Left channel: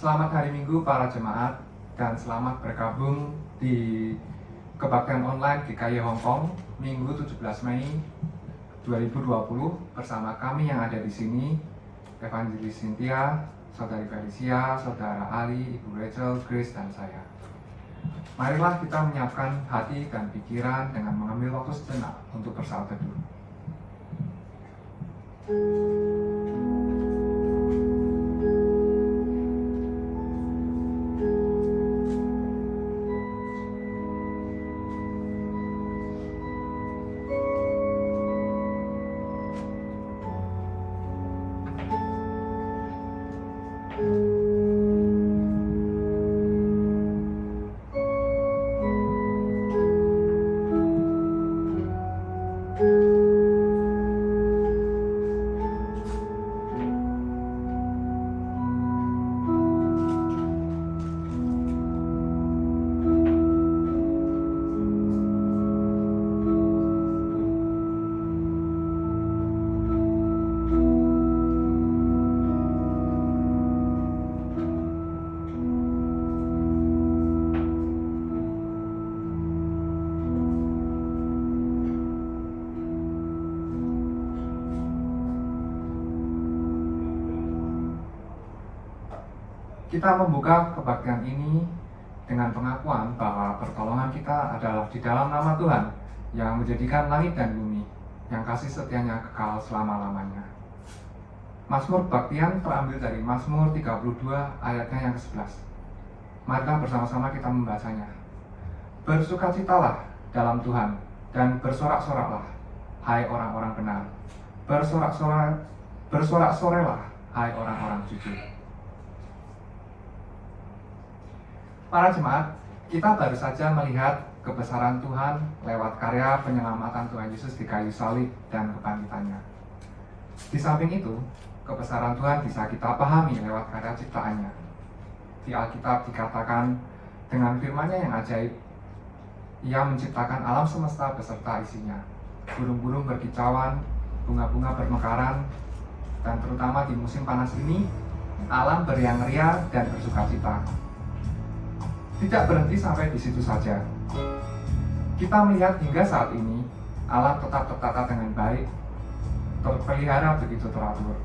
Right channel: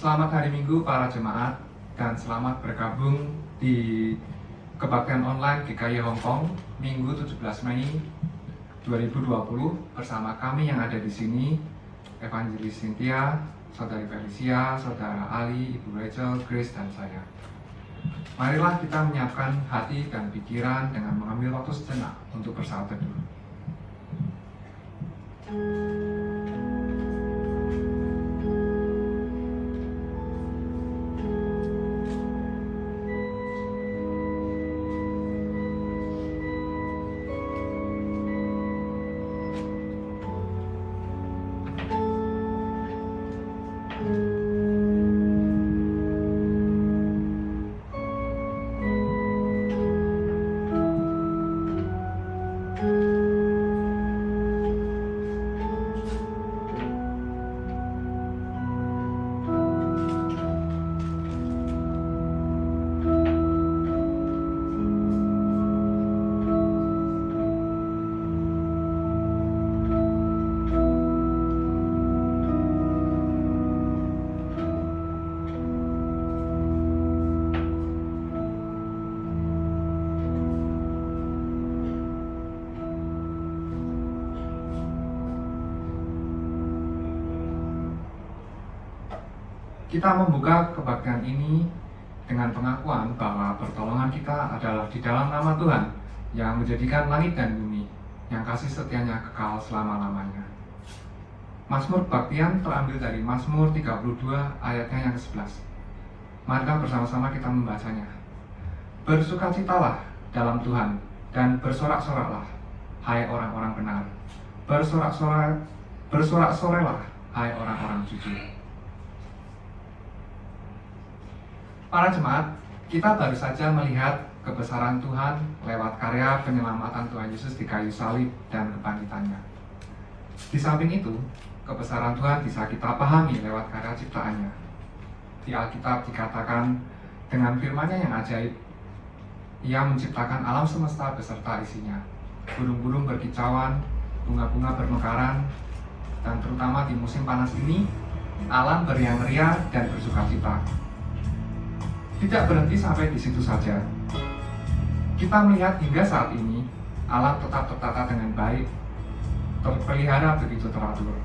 Selamat hari Minggu para jemaat dan selamat bergabung di kebaktian online GKI Hongkong Minggu 17 Mei 2020 bersama kami yang ada di sini, Evangelis Cynthia, Saudari Felicia, Saudara Ali, Ibu Rachel, Grace, dan saya. Marilah kita menyiapkan hati dan pikiran dengan mengambil waktu sejenak untuk bersaat teduh. Kita membuka kebaktian ini dengan pengakuan bahwa pertolongan kita adalah di dalam nama Tuhan yang menjadikan langit dan bumi, yang kasih setianya kekal selama-lamanya. Mazmur kebaktian terambil dari Mazmur 32 ayatnya yang ke-11. Marilah bersama-sama kita membacanya. Bersukacitalah dalam Tuhan dan bersorak-soraklah, hai orang-orang benar. Bersorak-sorailah, hai orang-orang jujur. Para jemaat, kita baru saja melihat kebesaran Tuhan lewat karya penyelamatan Tuhan Yesus di kayu salib dan kebangkitannya. Di samping itu, kebesaran Tuhan bisa kita pahami lewat karya ciptaannya. Di Alkitab dikatakan dengan firman-Nya yang ajaib, Ia menciptakan alam semesta beserta isinya. Burung-burung berkicauan, bunga-bunga bermekaran, dan terutama di musim panas ini, alam beriang-riang dan bersukacita. Tidak berhenti sampai di situ saja. Kita melihat hingga saat ini, alam tetap tertata dengan baik, terpelihara begitu teratur.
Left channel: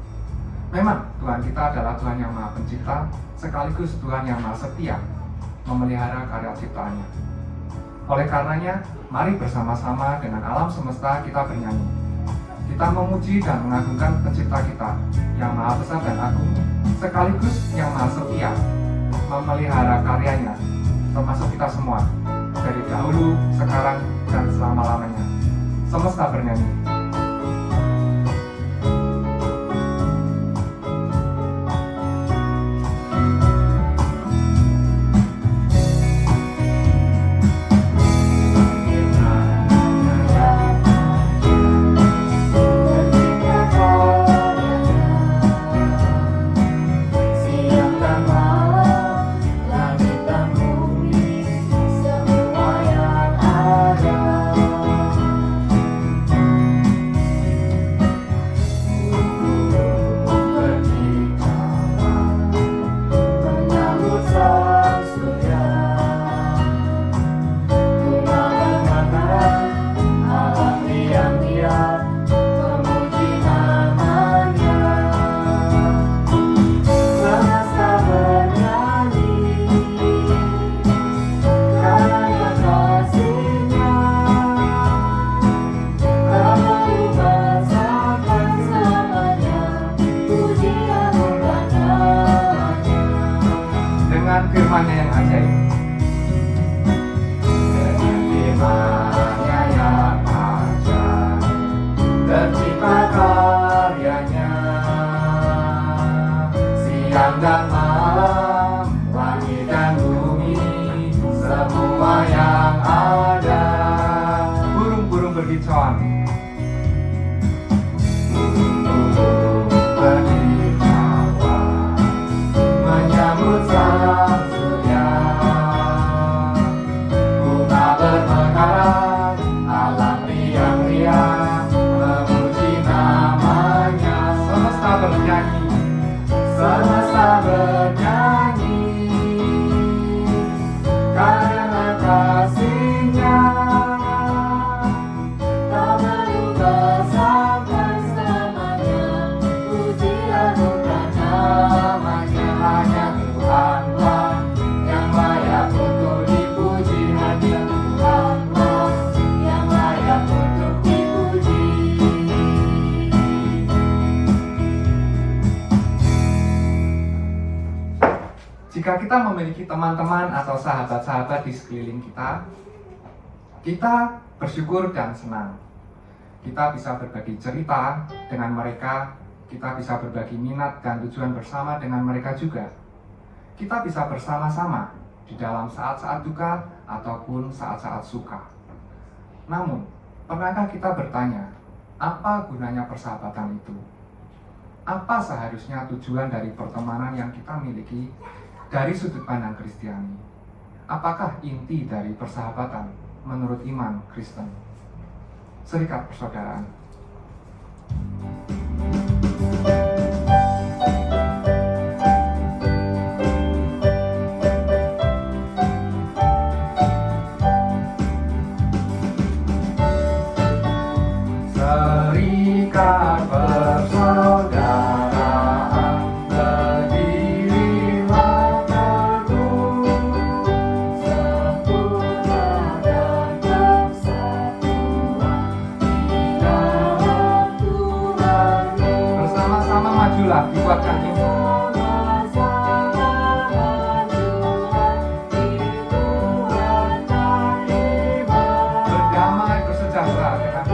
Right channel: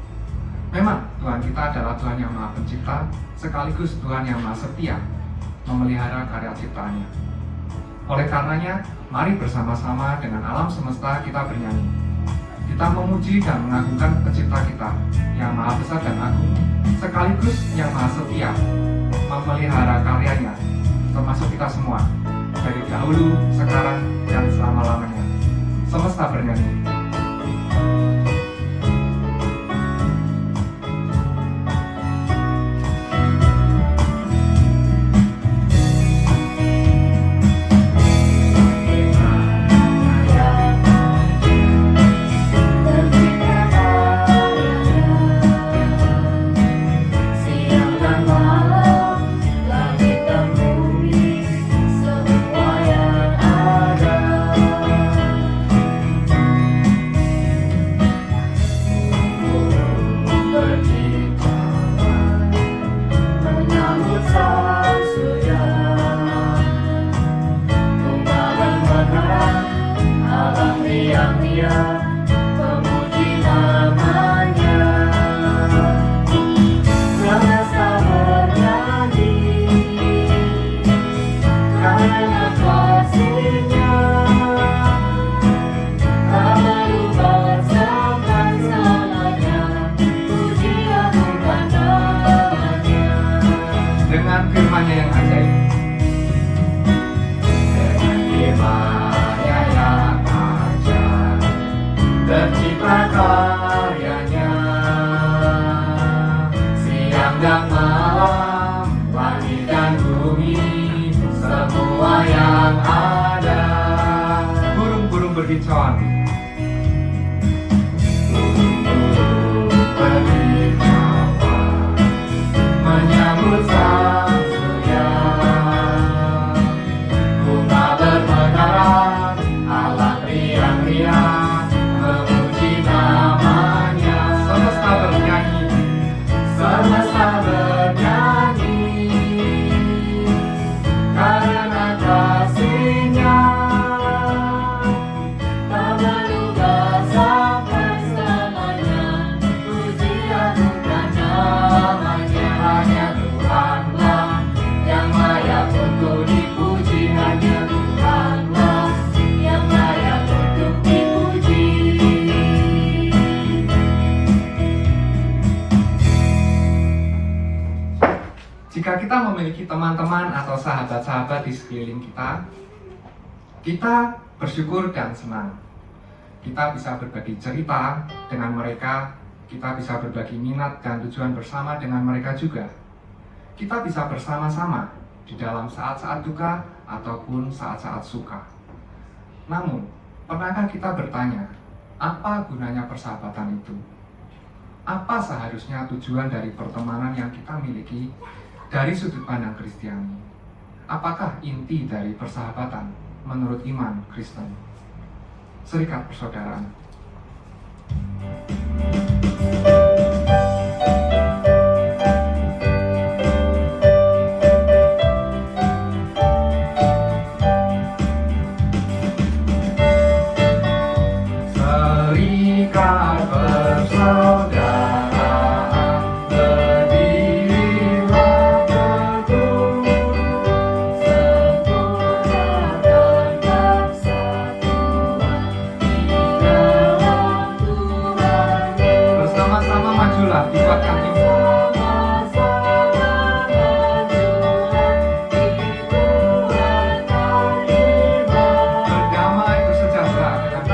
Memang Tuhan kita adalah Tuhan yang Maha Pencipta, sekaligus Tuhan yang Maha Setia, memelihara karya ciptaannya. Oleh karenanya, mari bersama-sama dengan alam semesta kita bernyanyi. Kita memuji dan mengagungkan Pencipta kita, yang Maha Besar dan Agung, sekaligus yang Maha Setia, memelihara karyanya, termasuk kita semua, dari dahulu, sekarang, dan selama-lamanya. Semesta bernyanyi. Firman-Nya yang ajaib. Dengan firman-Nya yang ajaib, tercipta karyanya. Siang dan malam, langit dan bumi, semua yang ada. Burung-burung berkicauan. Burung-burung berkicauan, menyambut sang surya. Bunga bermekaran, alam riang-riang, memuji namanya. Semesta bernyanyi, semesta bernyanyi. Jika kita memiliki teman-teman atau sahabat-sahabat di sekeliling kita, kita bersyukur dan senang. Kita bisa berbagi cerita dengan mereka, kita bisa berbagi minat dan tujuan bersama dengan mereka juga. Kita bisa bersama-sama di dalam saat-saat duka ataupun saat-saat suka. Namun, pernahkah kita bertanya, apa gunanya persahabatan itu? Apa seharusnya tujuan dari pertemanan yang kita miliki dari sudut pandang Kristiani? Apakah inti dari persahabatan menurut iman Kristen? Serikat persaudaraan. Serikat persaudaraan, berdirilah teguh, sempurnakan persatuan di dalam Tuhan. Bersama-sama majulah, dikuatkan iman. Berdamai, bersejahtera dengan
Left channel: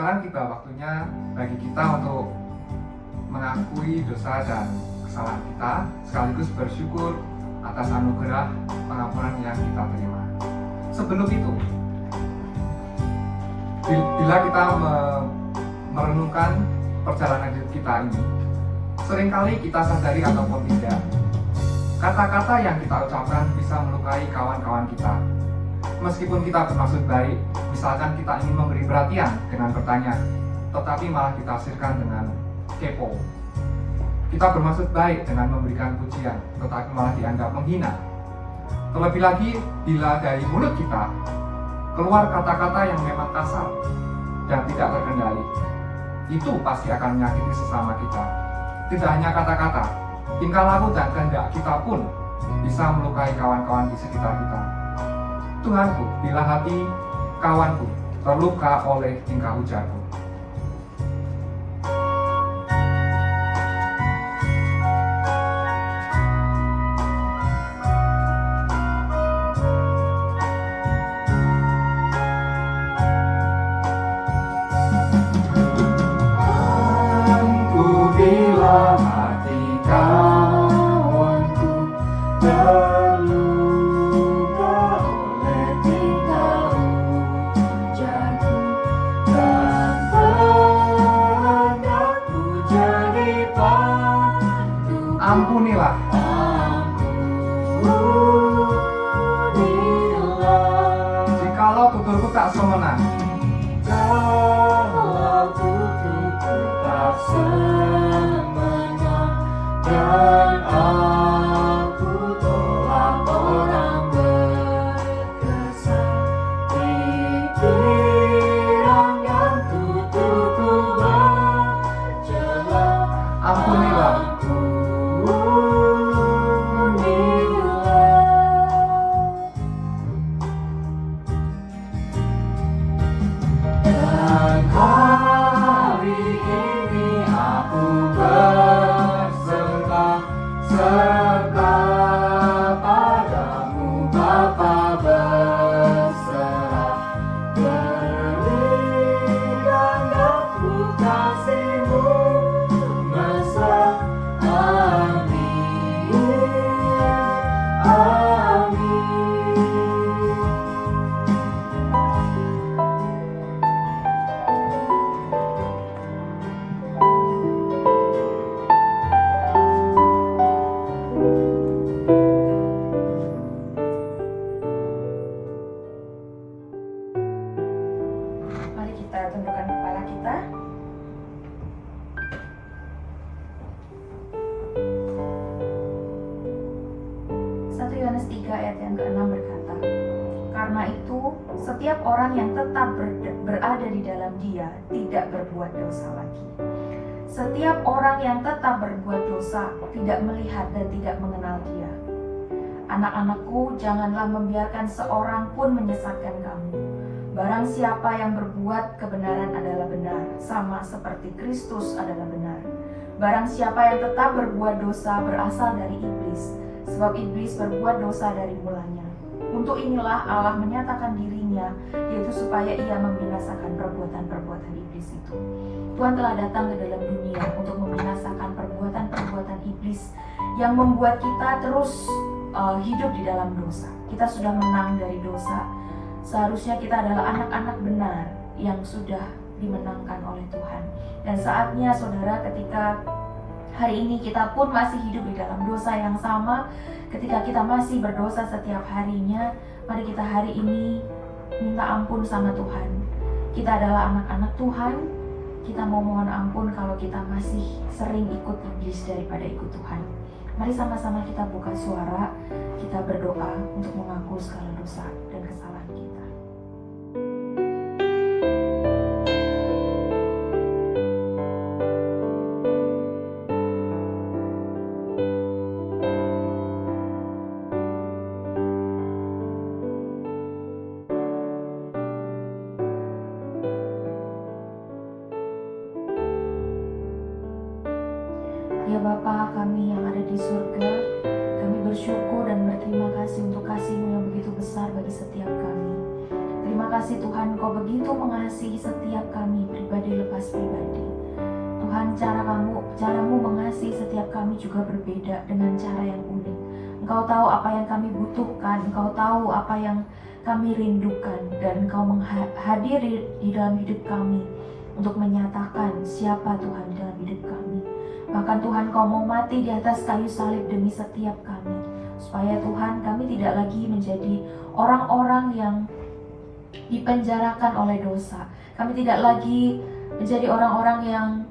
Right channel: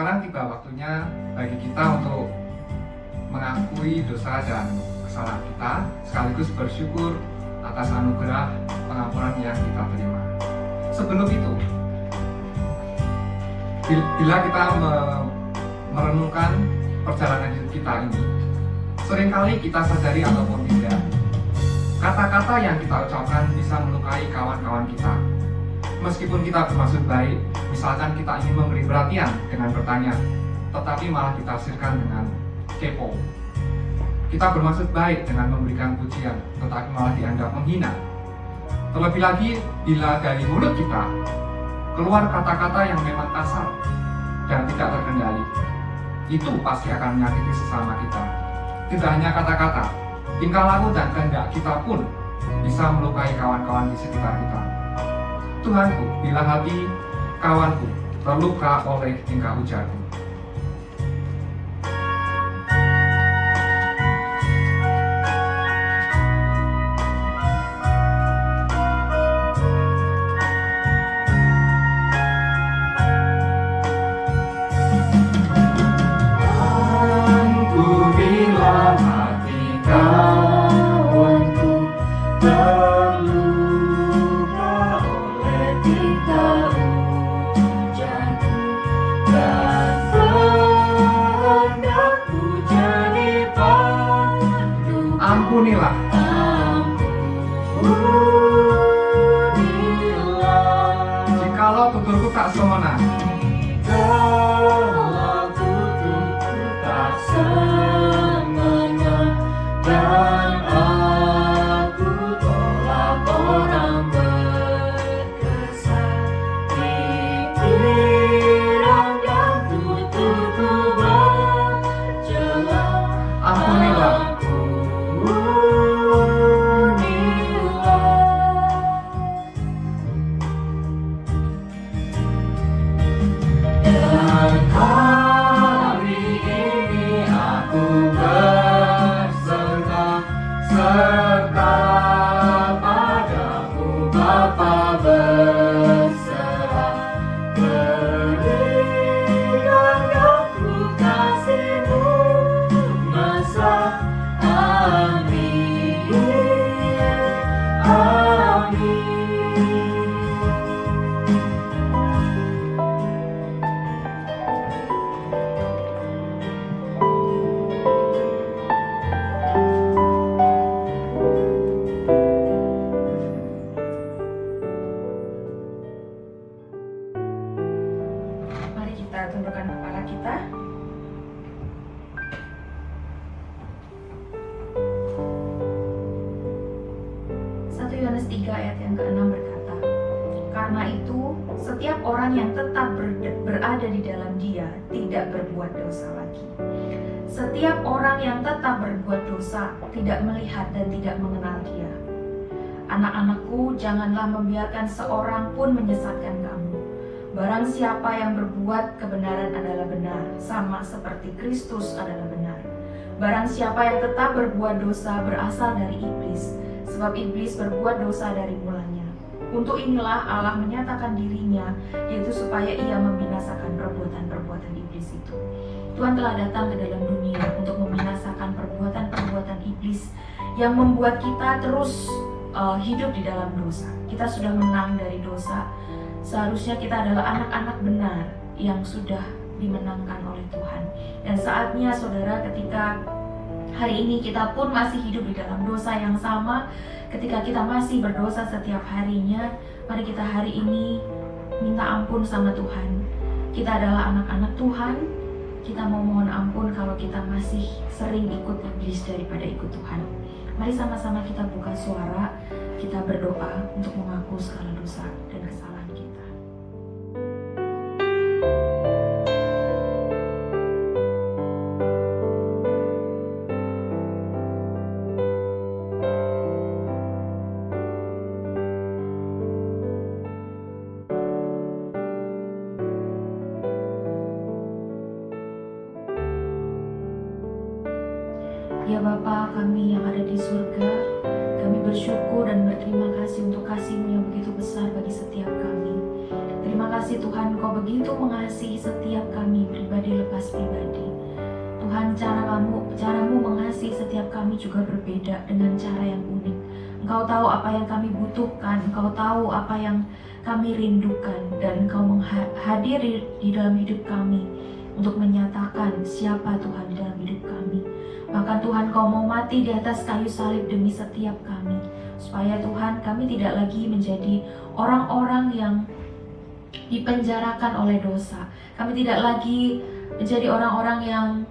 Sekarang tiba waktunya bagi kita untuk mengakui dosa dan kesalahan kita, sekaligus bersyukur atas anugerah pengampunan yang kita terima. Sebelum itu, bila kita merenungkan perjalanan hidup kita ini, seringkali kita sadari ataupun tidak, kata-kata yang kita ucapkan bisa melukai kawan-kawan kita. Meskipun kita bermaksud baik, misalkan kita ingin memberi perhatian dengan bertanya, tetapi malah ditafsirkan dengan kepo. Kita bermaksud baik dengan memberikan pujian, tetapi malah dianggap menghina. Terlebih lagi, bila dari mulut kita keluar kata-kata yang memang kasar dan tidak terkendali, itu pasti akan menyakiti sesama kita. Tidak hanya kata-kata, tingkah laku dan kehendak kita pun bisa melukai kawan-kawan di sekitar kita. Tuhanku, bila hati kawanku terluka oleh tingkah ujarku. Bila hati kau Ampunilah. Jikalau tuturku tak semena, dan aku tolak orang berkesan, pikiran dan tuturku berjalan. ampunilah. Dan hari ini aku berserah serta padamu Bapa, berserah berikan aku kasih-Mu mesra. Amin, amin. Mari kita tundukkan kepala kita. Satu Yohanes 3 ayat yang ke-6 berkata, karena itu setiap orang yang tetap berada di dalam Dia tidak berbuat dosa lagi. Setiap orang yang tetap berbuat dosa tidak melihat dan tidak mengenal Dia. Anak-anakku, janganlah membiarkan seorang pun menyesatkan kamu. Barang siapa yang berbuat kebenaran adalah benar, sama seperti Kristus adalah benar. Barang siapa yang tetap berbuat dosa berasal dari iblis, sebab iblis berbuat dosa dari mulanya. Untuk inilah Allah menyatakan dirinya, yaitu supaya ia membinasakan perbuatan-perbuatan iblis itu. Tuhan telah datang ke dalam dunia untuk membinasakan perbuatan-perbuatan iblis yang membuat kita terus hidup di dalam dosa. Kita sudah menang dari dosa. Seharusnya kita adalah anak-anak benar yang sudah dimenangkan oleh Tuhan. Dan saatnya saudara, ketika hari ini kita pun masih hidup di dalam dosa yang sama, ketika kita masih berdosa setiap harinya, mari kita hari ini minta ampun sama Tuhan. Kita adalah anak-anak Tuhan. Kita mau mohon ampun kalau kita masih sering ikut iblis daripada ikut Tuhan. Mari sama-sama kita buka suara, kita berdoa untuk mengaku segala dosa dan kesalahan kita. Ya Bapa kami yang ada di surga, kami bersyukur dan berterima kasih untuk kasih-Mu yang begitu besar bagi setiap kami. Terima kasih Tuhan, Kau begitu mengasihi setiap kami pribadi lepas pribadi. Tuhan, caramu mengasihi setiap kami juga berbeda dengan cara yang unik. Engkau tahu apa yang kami butuhkan, Engkau tahu apa yang kami rindukan, dan Engkau hadir di dalam hidup kami untuk menyatakan siapa Tuhan dalam hidup kami. Bahkan Tuhan, Kau mau mati di atas kayu salib demi setiap kami, supaya Tuhan kami tidak lagi menjadi orang-orang yang dipenjarakan oleh dosa. Kami tidak lagi menjadi orang-orang yang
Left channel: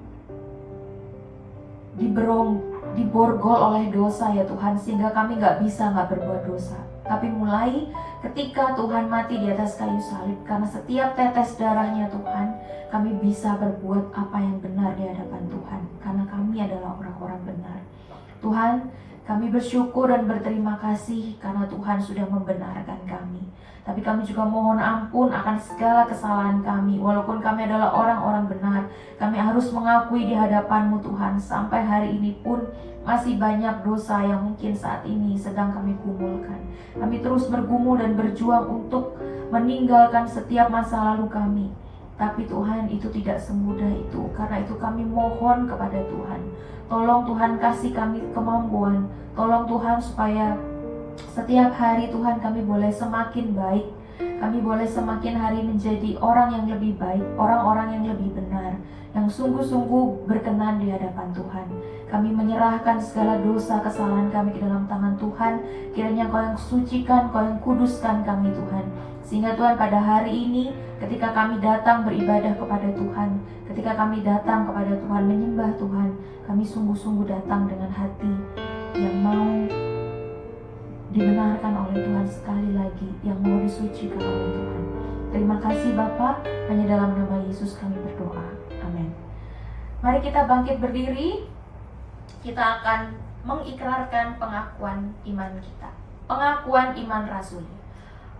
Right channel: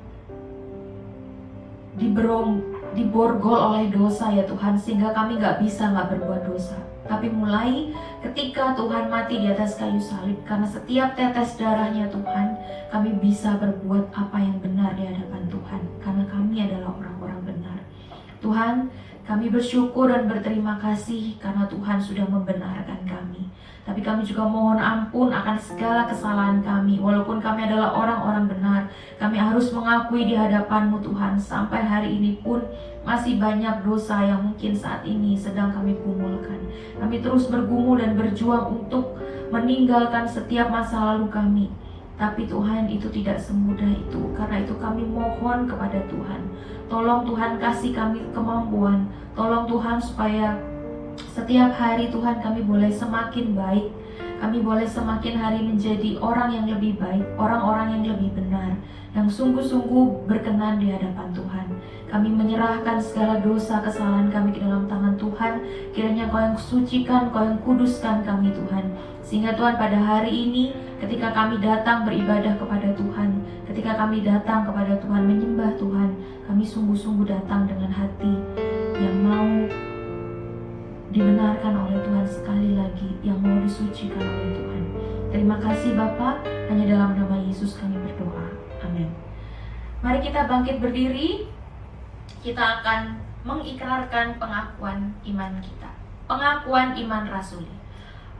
diborgol oleh dosa ya Tuhan, sehingga kami nggak berbuat dosa. Tapi mulai ketika Tuhan mati di atas kayu salib, karena setiap tetes darahnya Tuhan, kami bisa berbuat apa yang benar di hadapan Tuhan, karena kami adalah orang-orang benar. Tuhan, kami bersyukur dan berterima kasih karena Tuhan sudah membenarkan kami. Tapi kami juga mohon ampun akan segala kesalahan kami. Walaupun kami adalah orang-orang benar, kami harus mengakui di hadapan-Mu Tuhan. Sampai hari ini pun masih banyak dosa yang mungkin saat ini sedang kami gumulkan. Kami terus bergumul dan berjuang untuk meninggalkan setiap masa lalu kami. Tapi Tuhan, itu tidak semudah itu. Karena itu kami mohon kepada Tuhan, tolong Tuhan kasih kami kemampuan. Tolong Tuhan supaya setiap hari Tuhan kami boleh semakin baik. Kami boleh semakin hari menjadi orang yang lebih baik, orang-orang yang lebih benar, yang sungguh-sungguh berkenan di hadapan Tuhan. Kami menyerahkan segala dosa kesalahan kami ke dalam tangan Tuhan. Kiranya Kau yang sucikan, Kau yang kuduskan kami Tuhan. Sehingga Tuhan pada hari ini ketika kami datang beribadah kepada Tuhan, ketika kami datang kepada Tuhan menyembah Tuhan, kami sungguh-sungguh datang dengan hati yang mau dibenarkan oleh Tuhan sekali lagi, yang mau disucikan oleh Tuhan. Terima kasih Bapa, hanya dalam nama Yesus kami berdoa. Amin. Mari kita bangkit berdiri. Kita akan mengikrarkan pengakuan iman kita. Pengakuan iman rasuli.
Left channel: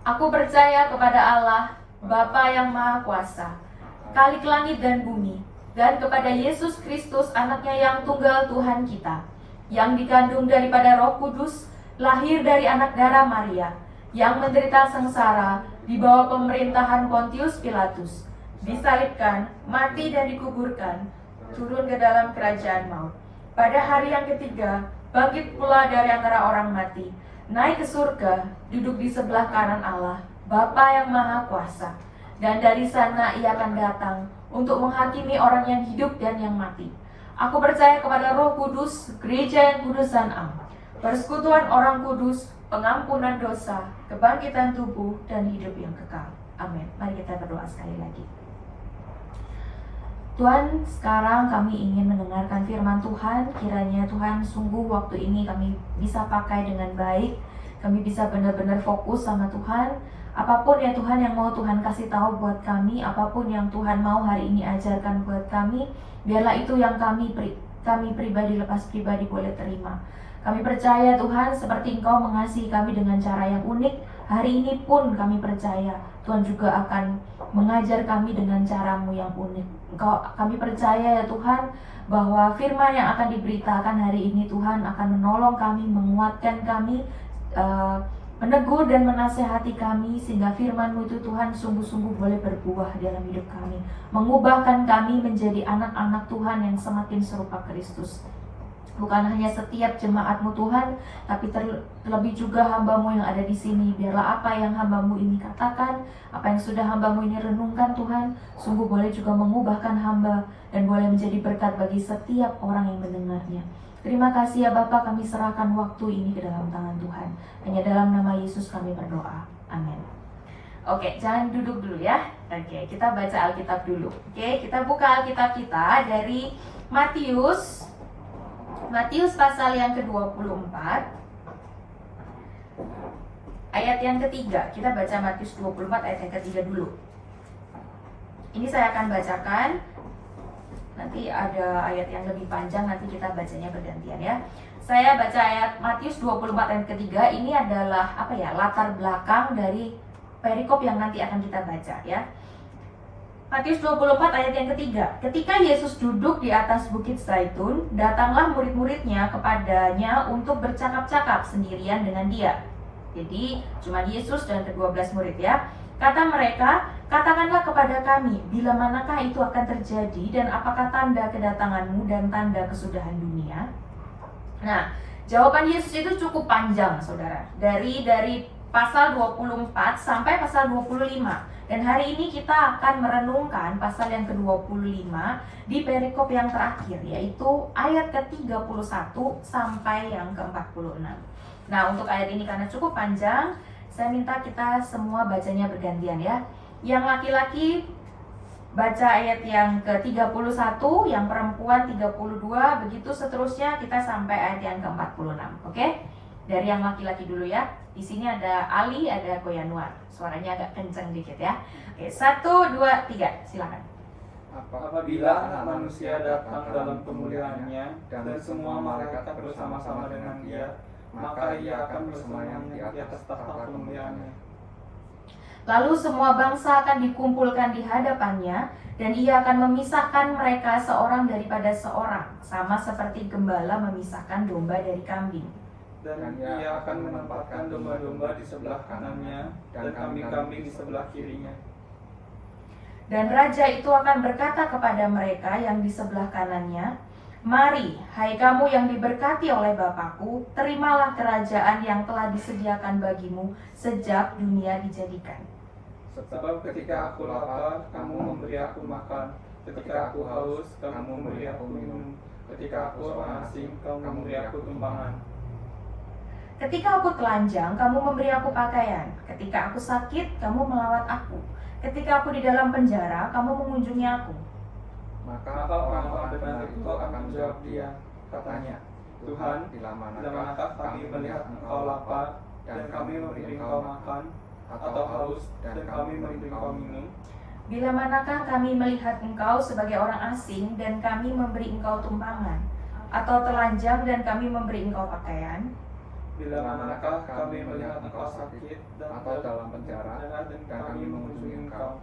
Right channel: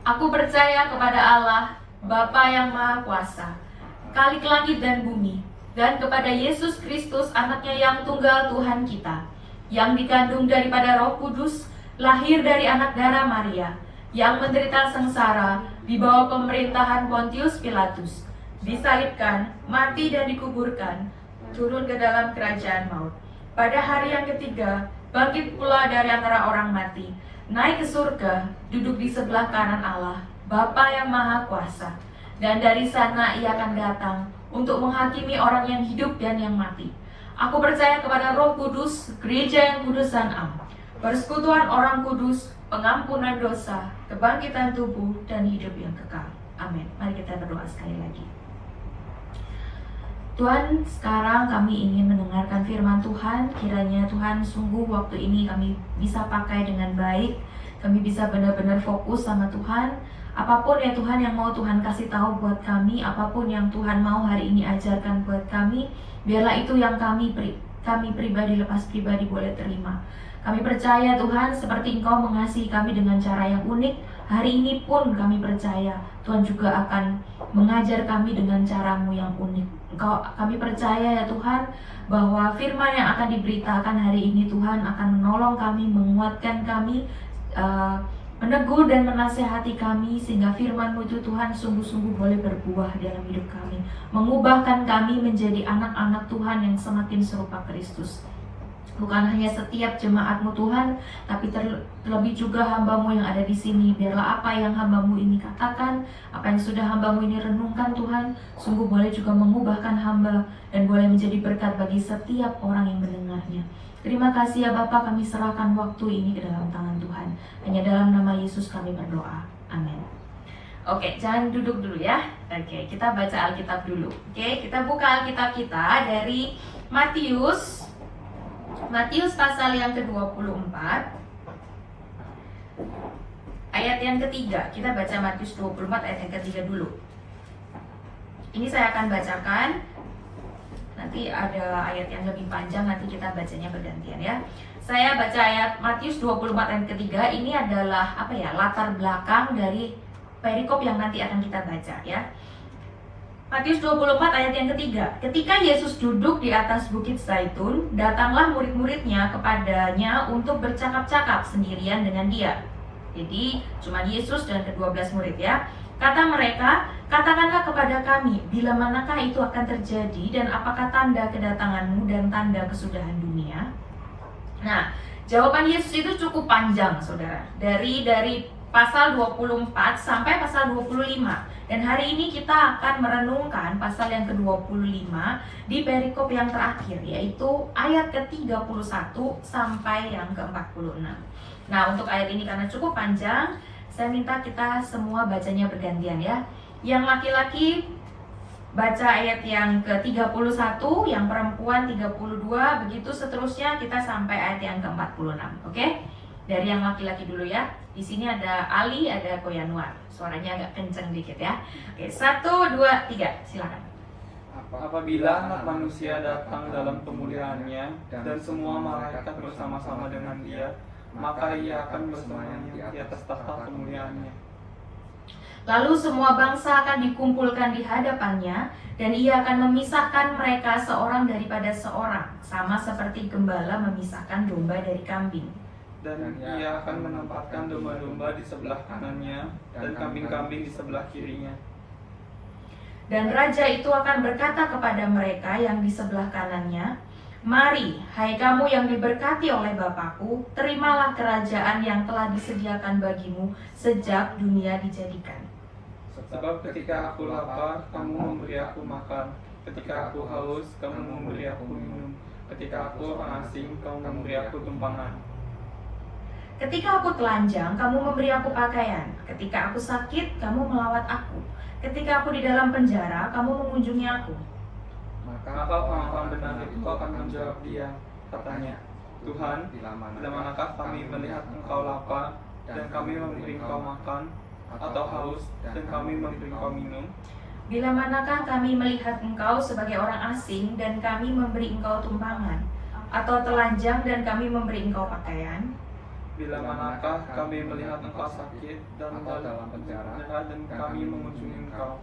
Aku percaya kepada Allah, Bapa yang Maha Kuasa, Khalik langit dan bumi, dan kepada Yesus Kristus, anaknya yang tunggal Tuhan kita, yang dikandung daripada Roh Kudus, lahir dari anak darah Maria, yang menderita sengsara di bawah pemerintahan Pontius Pilatus, disalibkan, mati dan dikuburkan, turun ke dalam kerajaan maut. Pada hari yang ketiga, bangkit pula dari antara orang mati, naik ke surga, duduk di sebelah kanan Allah, Bapa yang Maha Kuasa. Dan dari sana ia akan datang untuk menghakimi orang yang hidup dan yang mati. Aku percaya kepada Roh Kudus, gereja yang kudus dan am, persekutuan orang kudus, pengampunan dosa, kebangkitan tubuh, dan hidup yang kekal. Amin. Mari kita berdoa sekali lagi. Tuhan, sekarang kami ingin mendengarkan firman Tuhan. Kiranya Tuhan sungguh waktu ini kami bisa pakai dengan baik. Kami bisa benar-benar fokus sama Tuhan. Apapun ya Tuhan yang mau Tuhan kasih tahu buat kami, apapun yang Tuhan mau hari ini ajarkan buat kami, biarlah itu yang kami pribadi, lepas pribadi boleh terima. Kami percaya Tuhan, seperti Engkau mengasihi kami dengan cara yang unik, hari ini pun kami percaya Tuhan juga akan mengajar kami dengan cara-Mu yang unik. Kami percaya ya Tuhan, bahwa firman yang akan diberitakan hari ini Tuhan akan menolong kami, menguatkan kami, menegur dan menasehati kami, sehingga firman-Mu itu Tuhan sungguh-sungguh boleh berbuah dalam hidup kami, mengubahkan kami menjadi anak-anak Tuhan yang semakin serupa Kristus. Bukan hanya setiap jemaat-Mu Tuhan, tapi terlebih juga hamba-Mu yang ada di sini. Biarlah apa yang hamba-Mu ini katakan, apa yang sudah hamba-Mu ini renungkan Tuhan, sungguh boleh juga mengubahkan hamba dan boleh menjadi berkat bagi setiap orang yang mendengarnya. Terima kasih ya Bapa, kami serahkan waktu ini ke dalam tangan Tuhan. Hanya dalam nama Yesus kami berdoa. Amin. Oke, jangan duduk dulu ya. Oke, kita baca Alkitab dulu. Oke, kita buka Alkitab kita dari Matius pasal yang ke-24 ayat yang ketiga. Kita baca Matius 24 ayat yang ketiga dulu. Ini saya akan bacakan. Nanti ada ayat yang lebih panjang, nanti kita bacanya bergantian ya. Saya baca ayat Matius 24 ayat ketiga. Ini adalah latar belakang dari perikop yang nanti akan kita baca ya. Matius 24 ayat yang ketiga. Ketika Yesus duduk di atas bukit Zaitun, datanglah murid-muridnya kepadanya untuk bercakap-cakap sendirian dengan dia. Jadi cuma Yesus dan ke-12 murid ya. Kata mereka, katakanlah kepada kami, bila manakah itu akan terjadi dan apakah tanda kedatanganmu dan tanda kesudahan dunia? Nah, jawaban Yesus itu cukup panjang saudara. Dari pasal 24 sampai pasal 25. Dan hari ini kita akan merenungkan pasal yang ke-25 di perikop yang terakhir, yaitu ayat ke-31 sampai yang ke-46. Nah, untuk ayat ini karena cukup panjang, saya minta kita semua bacanya bergantian ya. Yang laki-laki baca ayat yang ke-31, yang perempuan 32, begitu seterusnya kita sampai ayat yang ke-46. Oke? Dari yang laki-laki dulu ya. Di sini ada Ali, ada Koyanuar. Suaranya agak kenceng dikit ya. Oke, 1, 2, 3, silakan. Apabila anak manusia datang dalam kemuliaannya dan semua malaikat bersama-sama dengan dia, maka ia akan bersemayam di atas tahta kemuliaannya. Lalu semua bangsa akan dikumpulkan di hadapannya, dan ia akan memisahkan mereka seorang daripada seorang, sama seperti gembala memisahkan domba dari kambing. Dan ia akan menempatkan domba-domba di sebelah kanannya dan kambing-kambing di sebelah kirinya. Dan raja itu akan berkata kepada mereka yang di sebelah kanannya, mari, hai kamu yang diberkati oleh Bapakku, terimalah kerajaan yang telah disediakan bagimu sejak dunia dijadikan. Sebab ketika aku lapar, kamu memberi aku makan. Ketika aku haus, kamu memberi aku minum. Ketika aku orang asing, kamu memberi aku tumpangan. Ketika aku telanjang, kamu memberi aku pakaian. Ketika aku sakit, kamu melawat aku. Ketika aku di dalam penjara, kamu mengunjungi aku. Maka orang-orang benar itu akan menjawab dia, katanya, Tuhan, bila manakah kami melihat engkau lapar, dan kami memberi engkau makan, atau haus, dan kami memberi engkau minum? Bila manakah kami melihat engkau sebagai orang asing, dan kami memberi engkau tumpangan, atau telanjang, dan kami memberi engkau pakaian? Bila manakah kami melihat engkau sakit, dan dalam penjara, dan kami mengunjungi engkau?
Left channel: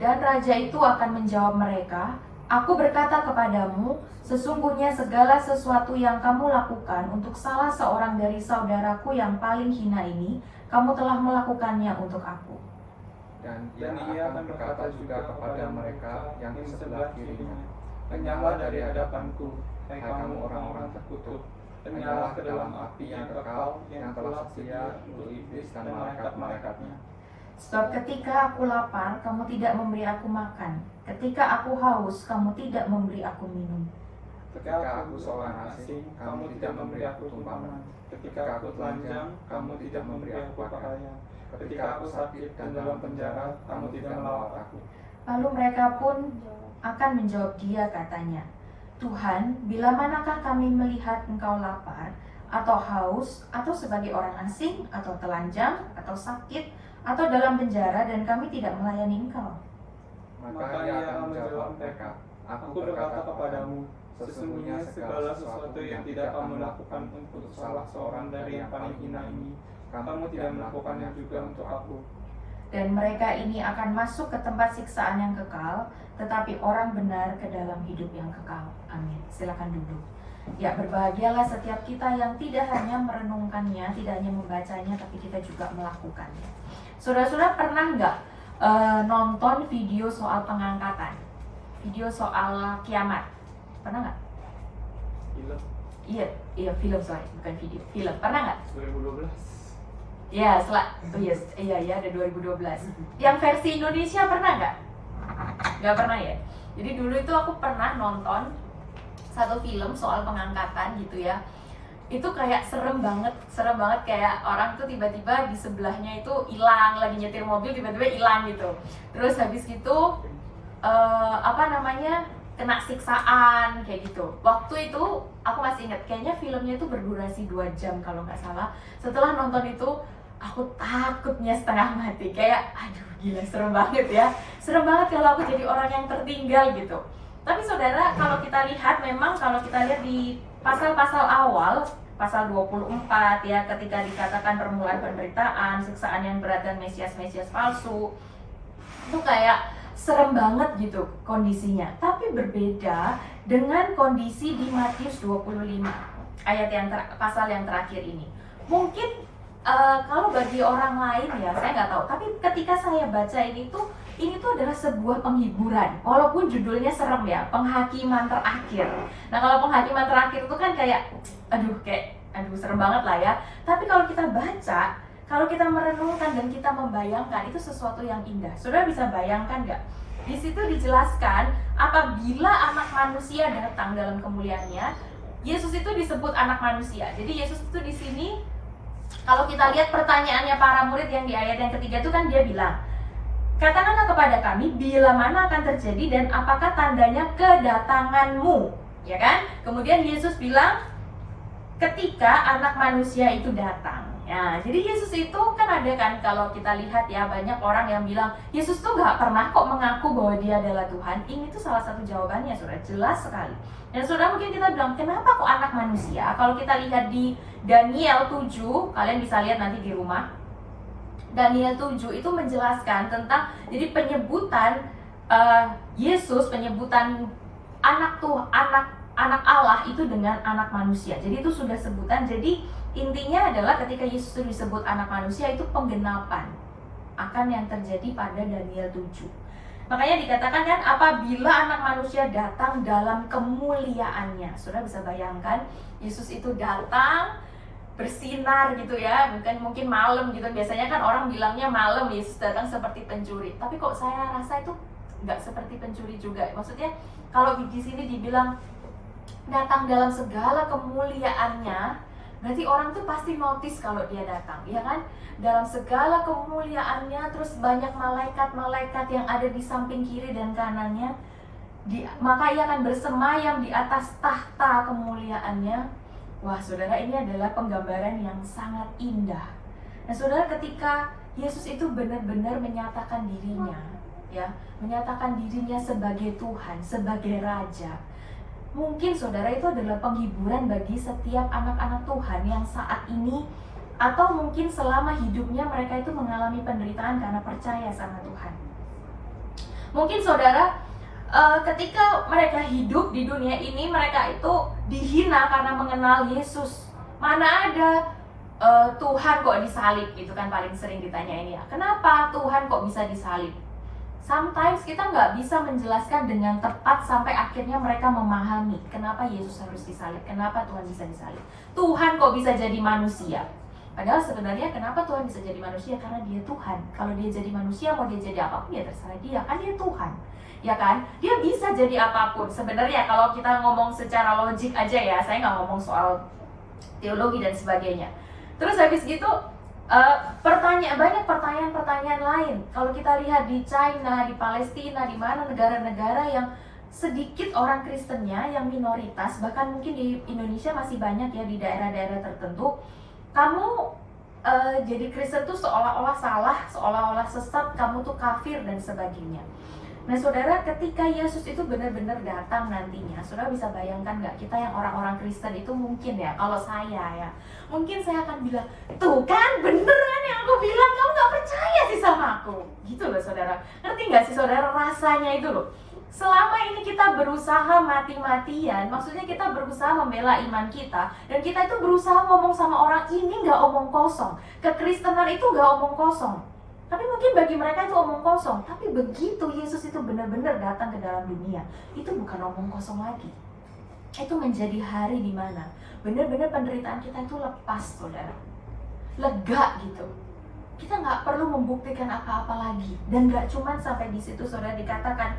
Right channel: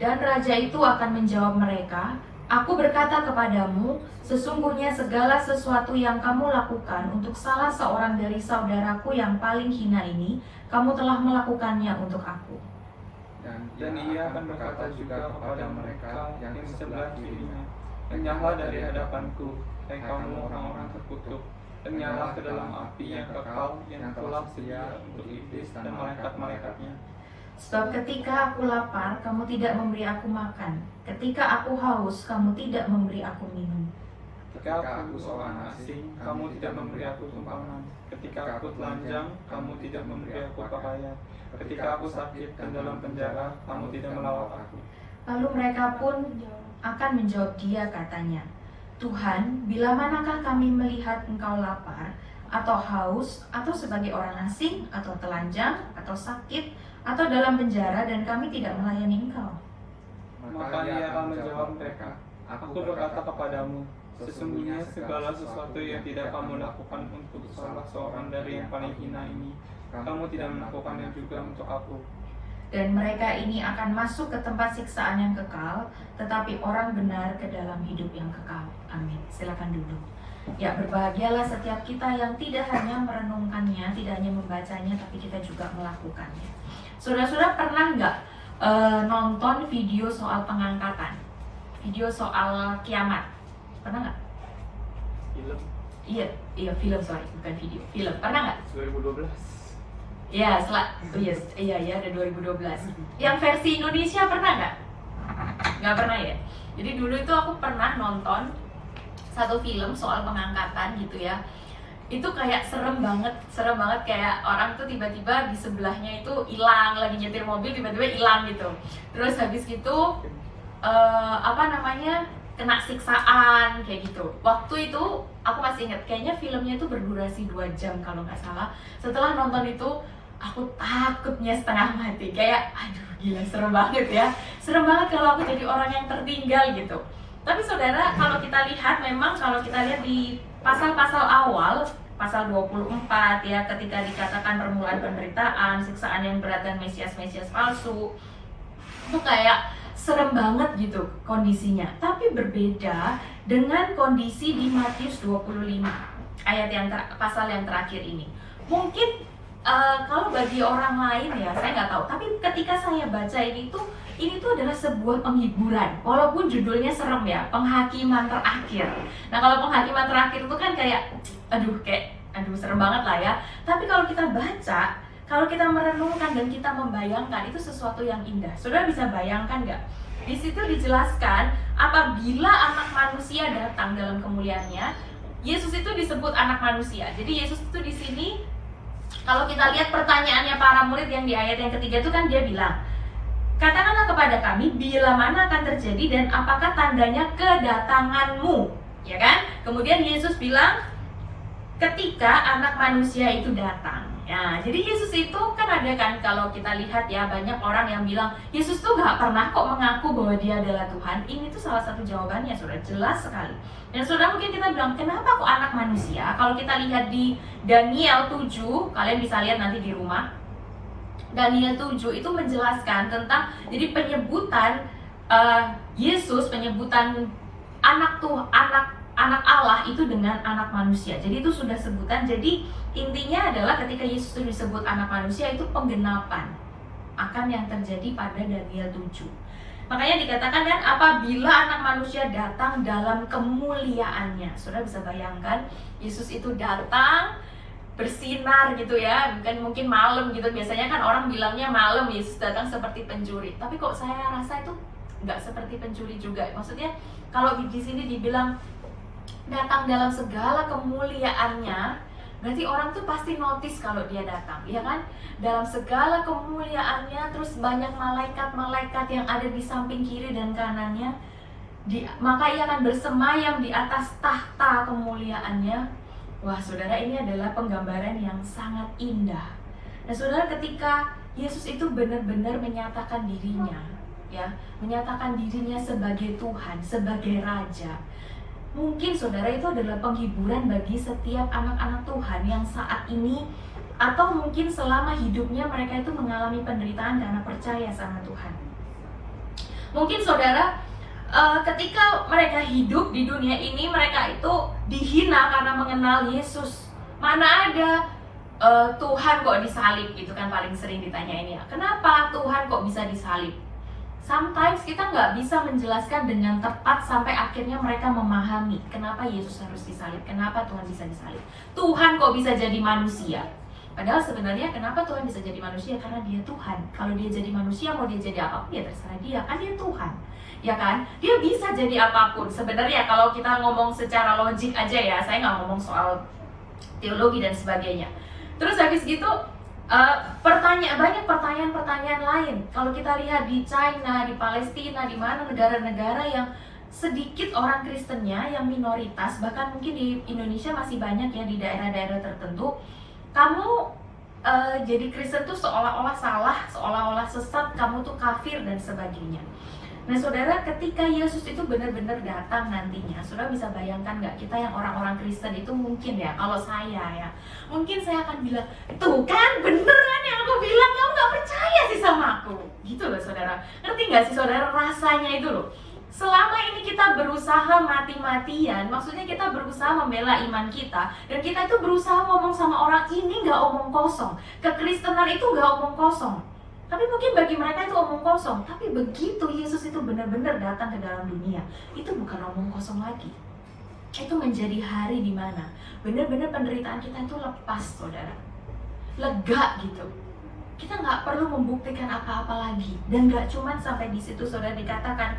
Dan raja itu akan menjawab mereka, Aku berkata kepadamu, sesungguhnya segala sesuatu yang kamu lakukan untuk salah seorang dari saudaraku yang paling hina ini, kamu telah melakukannya untuk aku. Dan ia akan berkata juga kepada mereka yang di sebelah kirinya, Enyahlah dari hadapanku, hai kamu orang-orang terkutuk, enyahlah ke dalam api yang kekal yang telah sedia untuk iblis dan malaikat-malaikatnya. Sebab ketika aku lapar, kamu tidak memberi aku makan. Ketika aku haus, kamu tidak memberi aku minum. Ketika aku seorang asing, kamu tidak memberi aku tumpangan. Ketika aku telanjang, kamu tidak memberi aku pakaian. Ketika aku sakit dan dalam penjara, kamu tidak melawat aku. Lalu mereka pun akan menjawab dia, katanya, Tuhan, bila manakah kami melihat engkau lapar, atau haus, atau sebagai orang asing, atau telanjang, atau sakit, atau dalam penjara, dan kami tidak melayani engkau? Maka ia akan menjawab mereka, Aku berkata kepadamu, sesungguhnya segala sesuatu yang tidak kamu lakukan untuk salah seorang dari yang paling hina ini, kamu tidak melakukannya juga untuk aku. Dan mereka ini akan masuk ke tempat siksaan yang kekal, tetapi orang benar ke dalam hidup yang kekal. Amin. Silakan duduk. Ya, berbahagialah setiap kita yang tidak hanya merenungkannya, tidak hanya membacanya, tapi kita juga melakukannya. Saudara-saudara pernah nggak nonton video soal pengangkatan? Video soal kiamat? Pernah nggak? Film Iya film, sorry, bukan video. Film, pernah nggak? 2012. Ya, iya ada 2012. Yang versi Indonesia pernah nggak? Nggak pernah ya. Jadi dulu itu aku pernah nonton satu film soal pengangkatan gitu ya. Itu kayak serem banget kayak orang tuh tiba-tiba di sebelahnya itu hilang, lagi nyetir mobil tiba-tiba hilang gitu. Terus habis gitu kena siksaan kayak gitu. Waktu itu aku masih ingat, kayaknya filmnya itu berdurasi 2 jam kalau nggak salah. Setelah nonton itu aku takutnya setengah mati, kayak aduh gila serem banget ya. Serem banget kalau aku jadi orang yang tertinggal gitu. Tapi saudara, kalau kita lihat memang kalau kita lihat di pasal-pasal awal, pasal 24 ya, ketika dikatakan permulaan penderitaan, siksaan yang berat dan Mesias palsu, itu kayak serem banget gitu kondisinya. Tapi berbeda dengan kondisi di Matius 25 ayat pasal yang terakhir ini. Mungkin kalau bagi orang lain ya saya nggak tahu, tapi ketika saya baca ini tuh adalah sebuah penghiburan, walaupun judulnya serem ya, penghakiman terakhir. Nah kalau penghakiman terakhir itu kan kayak aduh serem banget lah ya. Tapi kalau kita baca, kalau kita merenungkan dan kita membayangkan, itu sesuatu yang indah. Saudara bisa bayangkan nggak? Di situ dijelaskan apabila anak manusia datang dalam kemuliaannya, Yesus itu disebut anak manusia. Jadi Yesus itu di sini, kalau kita lihat pertanyaannya para murid yang di ayat yang ketiga itu kan dia bilang, katakanlah kepada kami bila mana akan terjadi dan apakah tandanya kedatanganmu, ya kan? Kemudian Yesus bilang, ketika anak manusia itu datang. Ya, jadi Yesus itu kan ada kan, kalau kita lihat ya, banyak orang yang bilang Yesus tuh gak pernah kok mengaku bahwa dia adalah Tuhan. Ini tuh salah satu jawabannya, saudara, jelas sekali. Dan saudara mungkin kita bilang, kenapa kok anak manusia? Kalau kita lihat di Daniel 7, kalian bisa lihat nanti di rumah, Daniel 7 itu menjelaskan tentang, jadi penyebutan Yesus, penyebutan anak Allah itu dengan anak manusia. Jadi itu sudah sebutan. Jadi intinya adalah ketika Yesus itu disebut anak manusia, itu penggenapan akan yang terjadi pada Daniel 7. Makanya dikatakan kan, apabila anak manusia datang dalam kemuliaannya. Saudara bisa bayangkan, Yesus itu datang bersinar gitu ya, mungkin malam gitu. Biasanya kan orang bilangnya malam Yesus datang seperti pencuri, tapi kok saya rasa itu nggak seperti pencuri juga. Maksudnya kalau di sini dibilang datang dalam segala kemuliaannya, berarti orang tuh pasti notice kalau dia datang, ya kan? Dalam segala kemuliaannya, terus banyak malaikat-malaikat yang ada di samping kiri dan kanannya, maka ia akan bersemayam di atas tahta kemuliaannya. Wah, saudara, ini adalah penggambaran yang sangat indah. Nah, saudara, ketika Yesus itu benar-benar menyatakan dirinya, ya, menyatakan dirinya sebagai Tuhan, sebagai Raja. Mungkin saudara itu adalah penghiburan bagi setiap anak-anak Tuhan yang saat ini atau mungkin selama hidupnya mereka itu mengalami penderitaan karena percaya sama Tuhan. Mungkin saudara, ketika mereka hidup di dunia ini, mereka itu dihina karena mengenal Yesus. Mana ada Tuhan kok disalib, gitu kan paling sering ditanya ini ya. Kenapa Tuhan kok bisa disalib? Sometimes kita nggak bisa menjelaskan dengan tepat sampai akhirnya mereka memahami kenapa Yesus harus disalib, kenapa Tuhan bisa disalib. Tuhan kok bisa jadi manusia? Padahal sebenarnya kenapa Tuhan bisa jadi manusia? Karena dia Tuhan. Kalau dia jadi manusia, mau dia jadi apapun ya terserah dia, kan dia Tuhan. Ya kan, dia bisa jadi apapun. Sebenarnya kalau kita ngomong secara logik aja ya, saya nggak ngomong soal teologi dan sebagainya. Terus habis gitu banyak pertanyaan-pertanyaan lain. Kalau kita lihat di China, di Palestina, di mana negara-negara yang sedikit orang Kristennya, yang minoritas, bahkan mungkin di Indonesia masih banyak ya di daerah-daerah tertentu, kamu jadi Kristen tuh seolah-olah salah, seolah-olah sesat, kamu tuh kafir dan sebagainya. Nah saudara, ketika Yesus itu benar-benar datang nantinya, saudara bisa bayangkan nggak, kita yang orang-orang Kristen itu mungkin ya, kalau saya ya, mungkin saya akan bilang, tuh kan beneran yang aku bilang, kamu nggak percaya sih sama aku, gitu loh saudara. Ngerti nggak sih saudara rasanya itu loh? Selama ini kita berusaha mati-matian, maksudnya kita berusaha membela iman kita, dan kita itu berusaha ngomong sama orang ini nggak omong kosong, kekristenan itu nggak omong kosong. Tapi mungkin bagi mereka itu omong kosong. Tapi begitu Yesus itu benar-benar datang ke dalam dunia, itu bukan omong kosong lagi. Itu menjadi hari di mana benar-benar penderitaan kita itu lepas, saudara. Lega gitu. Kita nggak perlu membuktikan apa-apa lagi. Dan nggak cuman sampai di situ, saudara, dikatakan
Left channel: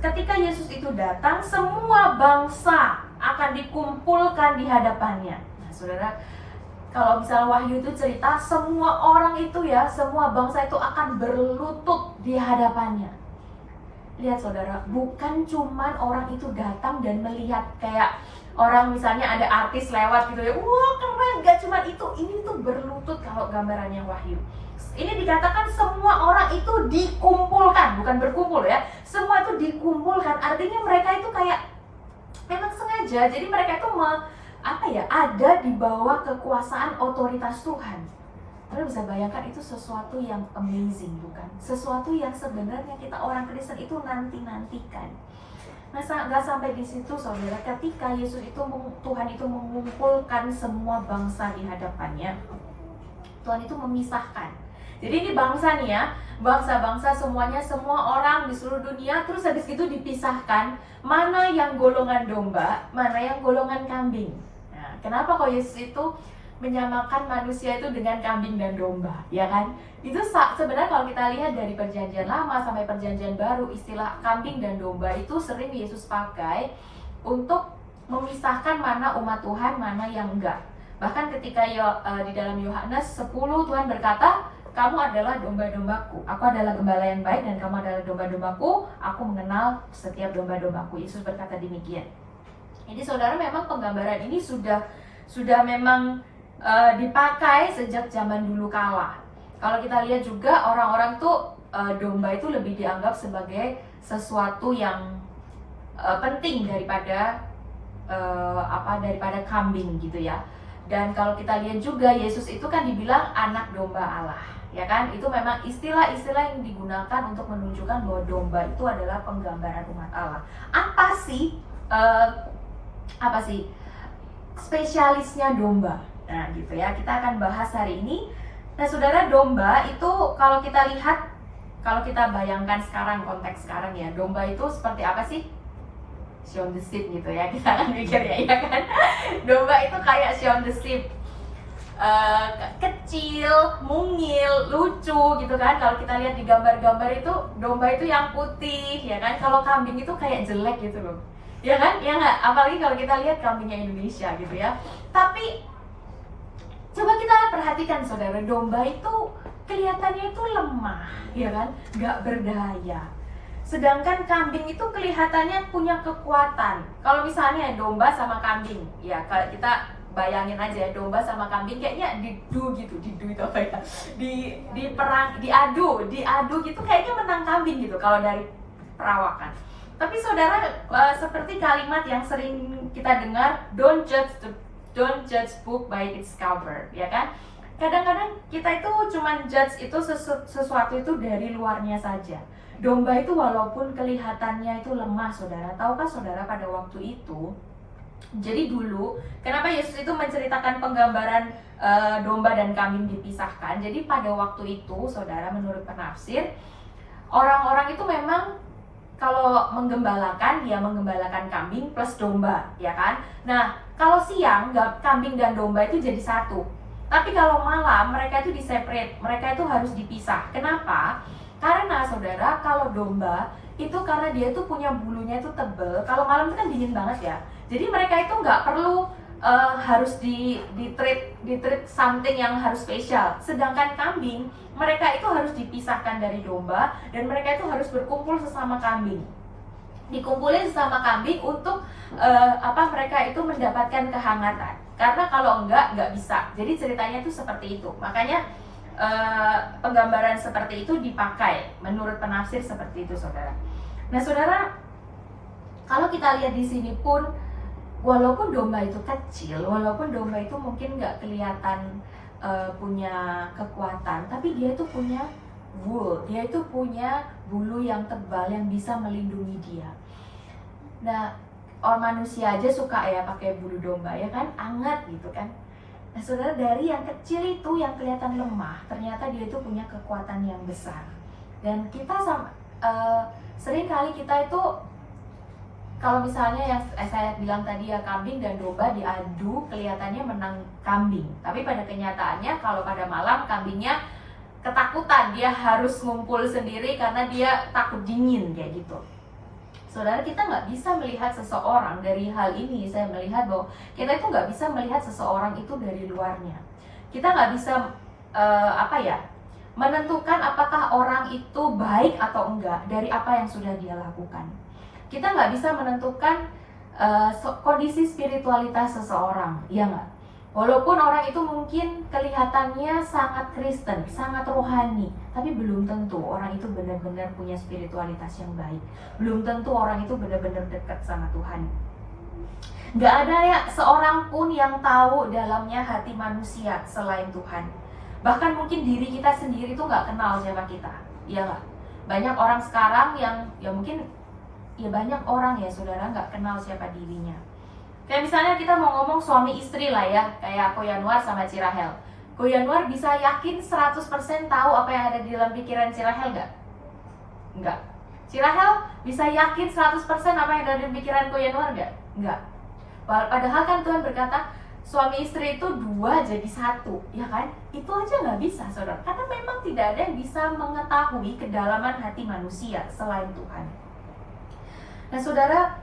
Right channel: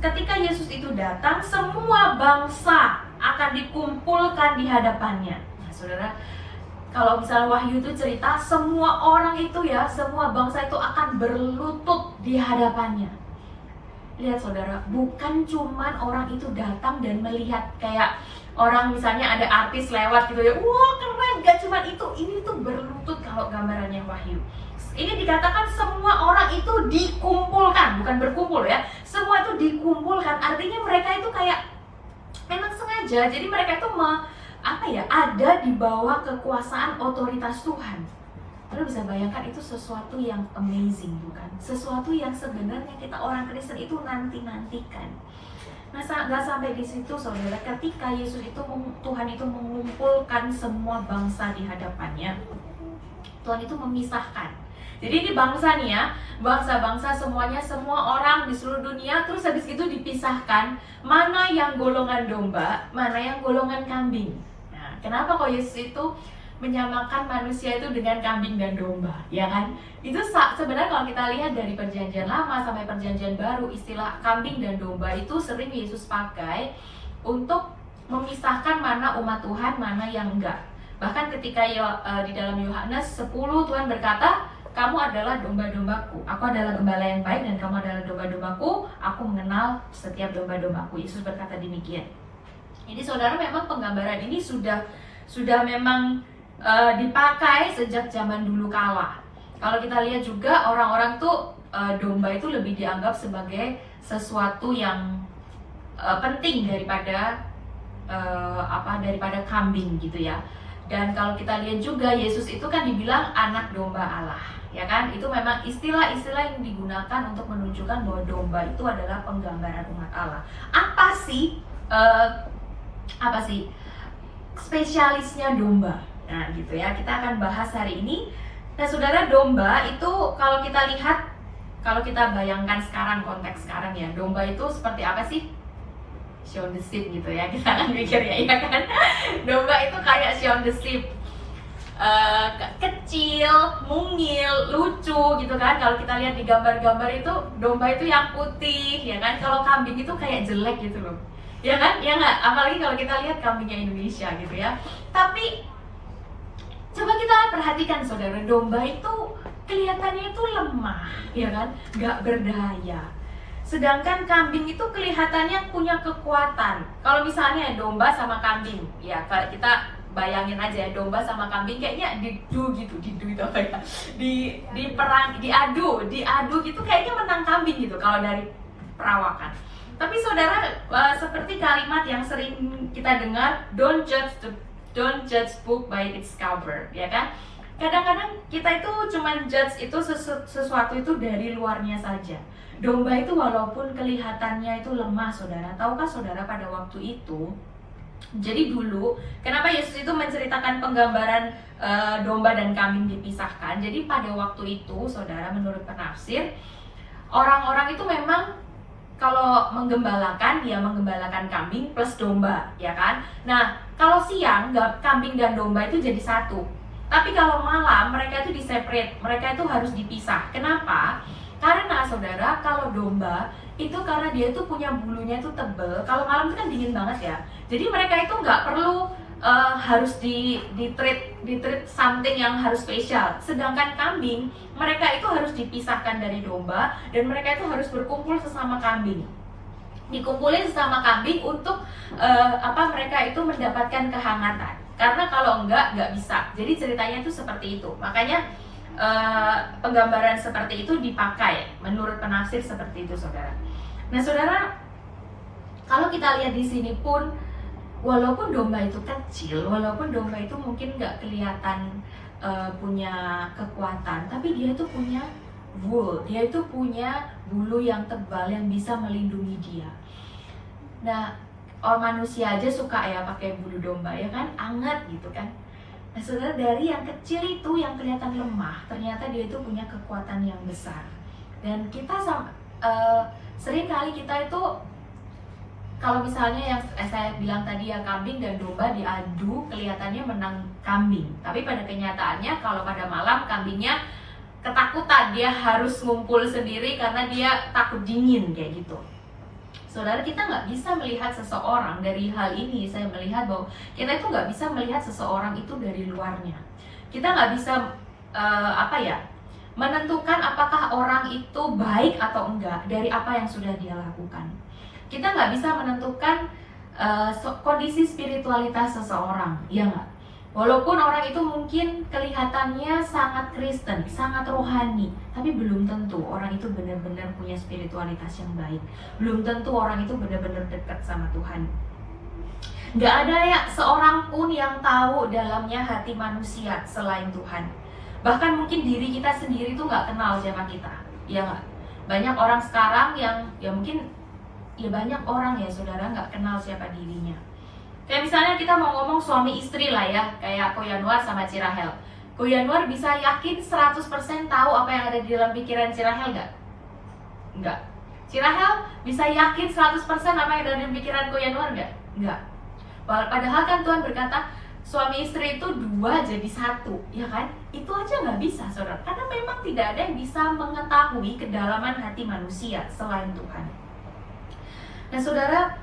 ketika Yesus itu datang, semua bangsa akan dikumpulkan di hadapannya. Nah, saudara, kalau misalnya Wahyu itu cerita, semua orang itu ya, semua bangsa itu akan berlutut di hadapannya. Lihat saudara, bukan cuman orang itu datang dan melihat kayak orang misalnya ada artis lewat gitu ya, wah keren, gak cuman itu, ini tuh berlutut kalau gambarannya Wahyu. Ini dikatakan semua orang itu dikumpulkan, bukan berkumpul ya, semua itu dikumpulkan, artinya mereka itu kayak memang sengaja, jadi mereka itu ada di bawah kekuasaan otoritas Tuhan. Lalu bisa bayangkan itu sesuatu yang amazing, bukan? Sesuatu yang sebenarnya kita orang Kristen itu nanti-nantikan. Nah, gak sampai di situ saudara, ketika Yesus itu, Tuhan itu mengumpulkan semua bangsa di hadapannya, Tuhan itu memisahkan. Jadi ini bangsa nih ya, bangsa-bangsa semuanya, semua orang di seluruh dunia, terus habis itu dipisahkan, mana yang golongan domba, mana yang golongan kambing. Nah, kenapa kok Yesus itu menyamakan manusia itu dengan kambing dan domba, ya kan? Itu sebenarnya kalau kita lihat dari perjanjian lama sampai perjanjian baru, istilah kambing dan domba itu sering Yesus pakai untuk memisahkan mana umat Tuhan, mana yang enggak. Bahkan ketika di dalam Yohanes 10 Tuhan berkata, kamu adalah domba-dombaku, aku adalah gembala yang baik dan kamu adalah domba-dombaku, aku mengenal setiap domba-dombaku. Yesus berkata demikian. Jadi saudara, memang penggambaran ini sudah memang dipakai sejak zaman dulu kala. Kalau kita lihat juga orang-orang tuh domba itu lebih dianggap sebagai sesuatu yang penting daripada daripada kambing gitu ya. Dan kalau kita lihat juga Yesus itu kan dibilang anak domba Allah, ya kan? Itu memang istilah-istilah yang digunakan untuk menunjukkan bahwa domba itu adalah penggambaran umat Allah. Apa sih spesialisnya domba? Nah gitu ya, kita akan bahas hari ini. Nah saudara, domba itu kalau kita lihat, kalau kita bayangkan sekarang, konteks sekarang ya, domba itu seperti apa sih? Shaun the Sheep gitu ya, kita akan mikir ya kan? Domba itu kayak Shaun the Sheep. kecil, mungil, lucu gitu kan. Kalau kita lihat di gambar-gambar itu domba itu yang putih ya kan. Kalau kambing itu kayak jelek gitu loh. Ya kan? Ya nggak? Apalagi kalau kita lihat kambingnya Indonesia gitu ya. Tapi coba kita perhatikan saudara, domba itu kelihatannya itu lemah ya kan, nggak berdaya. Sedangkan kambing itu kelihatannya punya kekuatan. Kalau misalnya domba sama kambing, ya kalau kita bayangin aja ya, domba sama kambing kayaknya didu itu apa ya? Diadu gitu kayaknya menang kambing gitu kalau dari perawakan. Tapi saudara, seperti kalimat yang sering kita dengar, don't judge book by its cover, ya kan? Kadang-kadang kita itu cuman judge itu sesuatu itu dari luarnya saja. Domba itu walaupun kelihatannya itu lemah, saudara, tahukah saudara pada waktu itu? Jadi dulu, kenapa Yesus itu menceritakan penggambaran domba dan kambing dipisahkan? Jadi pada waktu itu, saudara, menurut penafsir, orang-orang itu memang kalau menggembalakan, ya menggembalakan kambing plus domba, ya kan? Nah, kalau siang, kambing dan domba itu jadi satu. Tapi kalau malam, mereka itu di-separate, mereka itu harus dipisah. Kenapa? Karena saudara, kalau domba itu karena dia itu punya bulunya itu tebel. Kalau malam itu kan dingin banget ya. Jadi mereka itu nggak perlu harus di-treat something yang harus spesial. Sedangkan kambing, mereka itu harus dipisahkan dari domba dan mereka itu harus berkumpul sesama kambing. Dikumpulin sesama kambing untuk mereka itu mendapatkan kehangatan. Karena kalau nggak bisa. Jadi ceritanya itu seperti itu. Makanya penggambaran seperti itu dipakai menurut penafsir seperti itu, saudara. Nah, saudara, kalau kita lihat di sini pun, walaupun domba itu kecil, walaupun domba itu mungkin nggak kelihatan punya kekuatan, tapi dia itu punya wool, dia itu punya bulu yang tebal yang bisa melindungi dia. Nah, orang manusia aja suka ya pakai bulu domba ya kan, hangat gitu kan. Nah, saudara, dari yang kecil itu yang kelihatan lemah, ternyata dia itu punya kekuatan yang besar. Dan kita sering kali kita itu, kalau misalnya yang saya bilang tadi ya, kambing dan domba diadu, kelihatannya menang kambing. Tapi pada kenyataannya kalau pada malam kambingnya ketakutan, dia harus ngumpul sendiri karena dia takut dingin kayak gitu. Saudara, kita nggak bisa melihat seseorang dari hal ini. Saya melihat bahwa kita itu nggak bisa melihat seseorang itu dari luarnya. Kita nggak bisa menentukan apakah orang itu baik atau enggak dari apa yang sudah dia lakukan. Kita nggak bisa menentukan kondisi spiritualitas seseorang, ya nggak? Walaupun orang itu mungkin kelihatannya sangat Kristen, sangat rohani, tapi belum tentu orang itu benar-benar punya spiritualitas yang baik. Belum tentu orang itu benar-benar dekat sama Tuhan. Nggak ada ya seorang pun yang tahu dalamnya hati manusia selain Tuhan. Bahkan mungkin diri kita sendiri tuh nggak kenal siapa kita, ya nggak? Banyak orang sekarang yang banyak orang ya saudara nggak kenal siapa dirinya. Kayak misalnya kita mau ngomong suami istri lah ya, kayak Ko Yanuar sama Cirahel. Ko Yanuar bisa yakin 100% tahu apa yang ada di dalam pikiran Cirahel nggak? Nggak. Cirahel bisa yakin 100% apa yang ada di dalam pikiran Ko Yanuar nggak? Nggak. Padahal kan Tuhan berkata, suami istri itu 2 jadi 1, ya kan? Itu aja nggak bisa, saudara. Karena memang tidak ada yang bisa mengetahui kedalaman hati manusia selain Tuhan. Nah, saudara,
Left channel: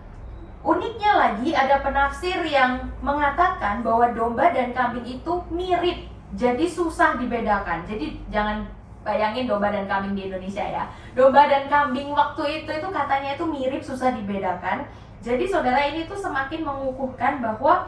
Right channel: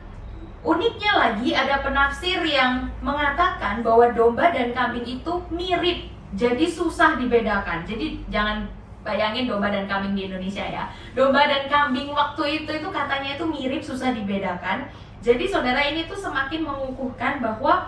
uniknya lagi ada penafsir yang mengatakan bahwa domba dan kambing itu mirip, jadi susah dibedakan. Jadi jangan bayangin domba dan kambing di Indonesia ya. Domba dan kambing waktu itu katanya itu mirip, susah dibedakan. Jadi saudara, ini tuh semakin mengukuhkan bahwa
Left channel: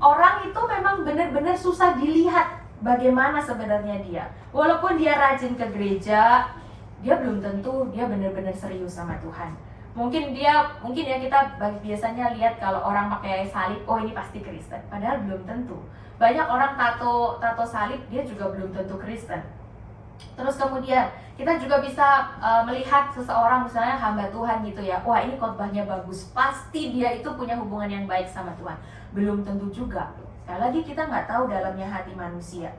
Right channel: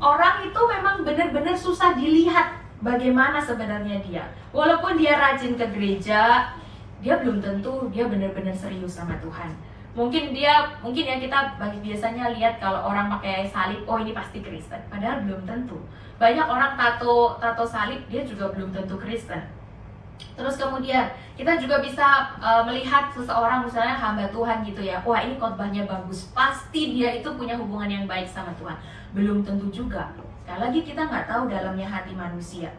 orang itu memang benar-benar susah dilihat bagaimana sebenarnya dia. Walaupun dia rajin ke gereja, dia belum tentu dia benar-benar serius sama Tuhan. Mungkin yang kita biasanya lihat kalau orang pakai salib, oh ini pasti Kristen. Padahal belum tentu. Banyak orang tato salib, dia juga belum tentu Kristen. Terus kemudian kita juga bisa melihat seseorang misalnya hamba Tuhan gitu ya. Wah, ini khotbahnya bagus, pasti dia itu punya hubungan yang baik sama Tuhan. Belum tentu juga. Sekali lagi kita nggak tahu dalamnya hati manusia.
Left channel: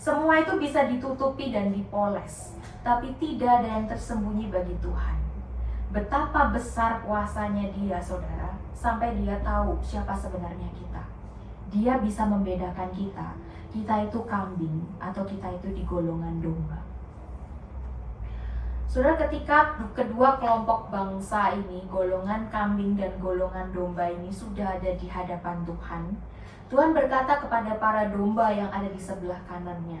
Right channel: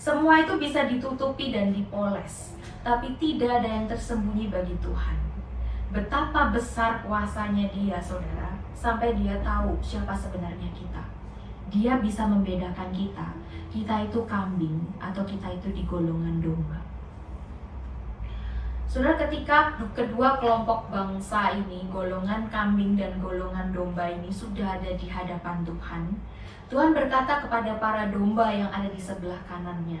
Semua itu bisa ditutupi dan dipoles, tapi tidak ada yang tersembunyi bagi Tuhan. Betapa besar kuasanya dia, saudara, sampai dia tahu siapa sebenarnya kita. Dia bisa membedakan kita itu kambing atau kita itu di golongan domba. Saudara, ketika kedua kelompok bangsa ini, golongan kambing dan golongan domba ini sudah ada di hadapan Tuhan, Tuhan berkata kepada para domba yang ada di sebelah kanannya.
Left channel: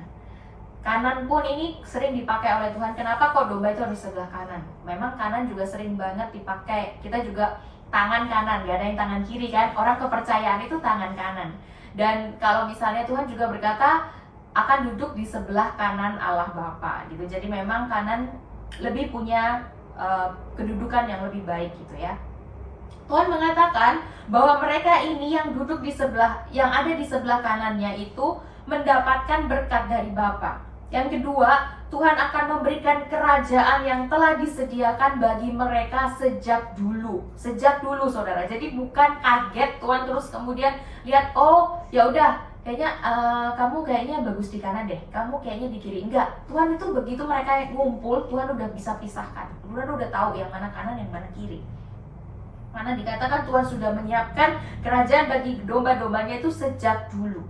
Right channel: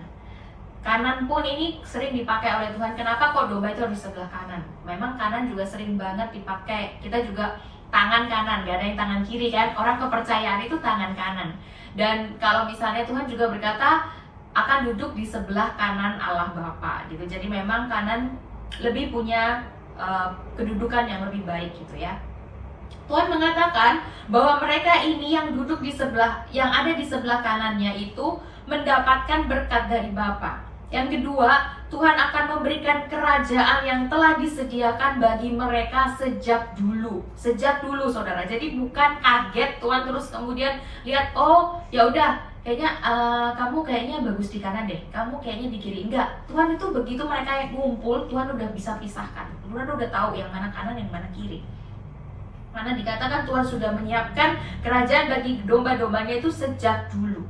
Kanan pun ini sering dipakai oleh Tuhan. Kenapa kok domba itu harus di sebelah kanan? Memang kanan juga sering banget dipakai. Kita juga tangan kanan, gak ada yang tangan kiri kan. Orang kepercayaan itu tangan kanan. Dan kalau misalnya Tuhan juga berkata akan duduk di sebelah kanan Allah Bapa gitu. Jadi memang kanan lebih punya kedudukan yang lebih baik gitu ya. Tuhan mengatakan bahwa mereka ini yang duduk di sebelah, yang ada di sebelah kanannya itu mendapatkan berkat dari Bapa. Yang kedua, Tuhan akan memberikan kerajaan yang telah disediakan bagi mereka sejak dulu. Sejak dulu, saudara. Jadi bukan kaget Tuhan terus kemudian lihat, oh ya udah, kayaknya kamu kayaknya bagus di kanan deh, kamu kayaknya di kiri. Enggak, Tuhan itu begitu mereka ngumpul, Tuhan udah bisa pisahkan. Tuhan udah tahu yang mana kanan, yang mana kiri. Karena dikatakan Tuhan sudah menyiapkan kerajaan bagi domba-dombanya itu sejak dulu.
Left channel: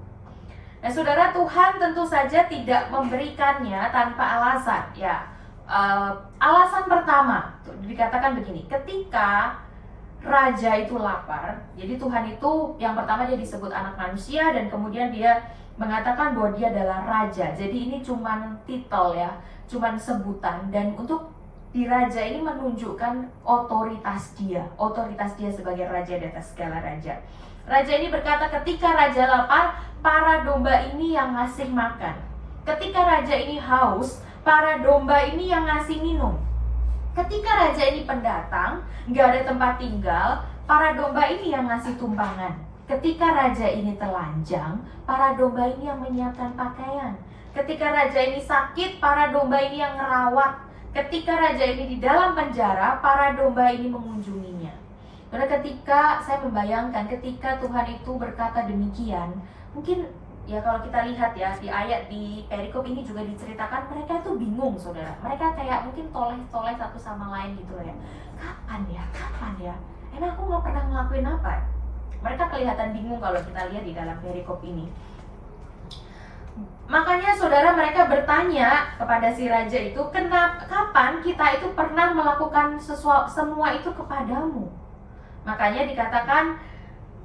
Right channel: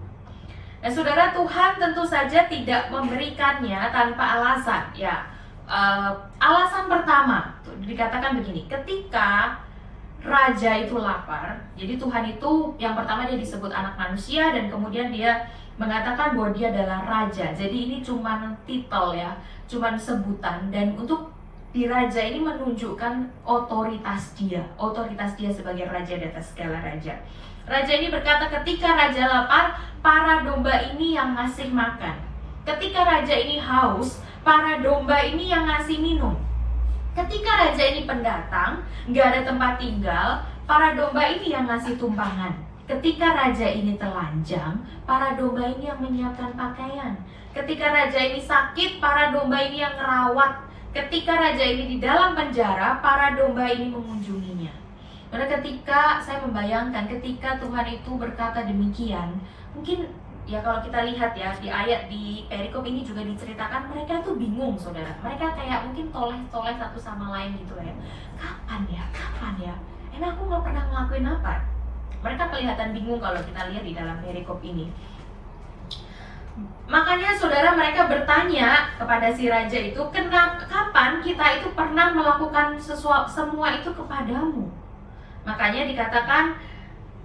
Nah, saudara, Tuhan tentu saja tidak memberikannya tanpa alasan. Ya, alasan pertama dikatakan begini: ketika raja itu lapar, jadi Tuhan itu yang pertama dia disebut anak manusia dan kemudian dia mengatakan bahwa dia adalah raja. Jadi ini cuman titel ya, cuman sebutan, dan untuk di raja ini menunjukkan otoritas dia sebagai raja di atas segala raja. Raja ini berkata ketika raja lapar, para domba ini yang ngasih makan. Ketika raja ini haus, para domba ini yang ngasih minum. Ketika raja ini pendatang, nggak ada tempat tinggal, para domba ini yang ngasih tumpangan. Ketika raja ini telanjang, para domba ini yang menyiapkan pakaian. Ketika raja ini sakit, para domba ini yang merawat. Ketika raja ini di dalam penjara, para domba ini mengunjunginya. Karena ketika saya membayangkan ketika Tuhan itu berkata demikian, mungkin ya kalau kita lihat ya di ayat di perikop ini juga diceritakan mereka itu bingung, saudara. Mereka kayak mungkin toleh-toleh satu sama lain gitu ya. Kapan ya? Emang aku nggak pernah ngelakuin apa? Mereka kelihatan bingung kalau kita lihat di dalam perikop ini. Makanya saudara, mereka bertanya kepada si raja itu, kapan kita itu pernah melakukan semua itu kepadamu? Makanya dikatakan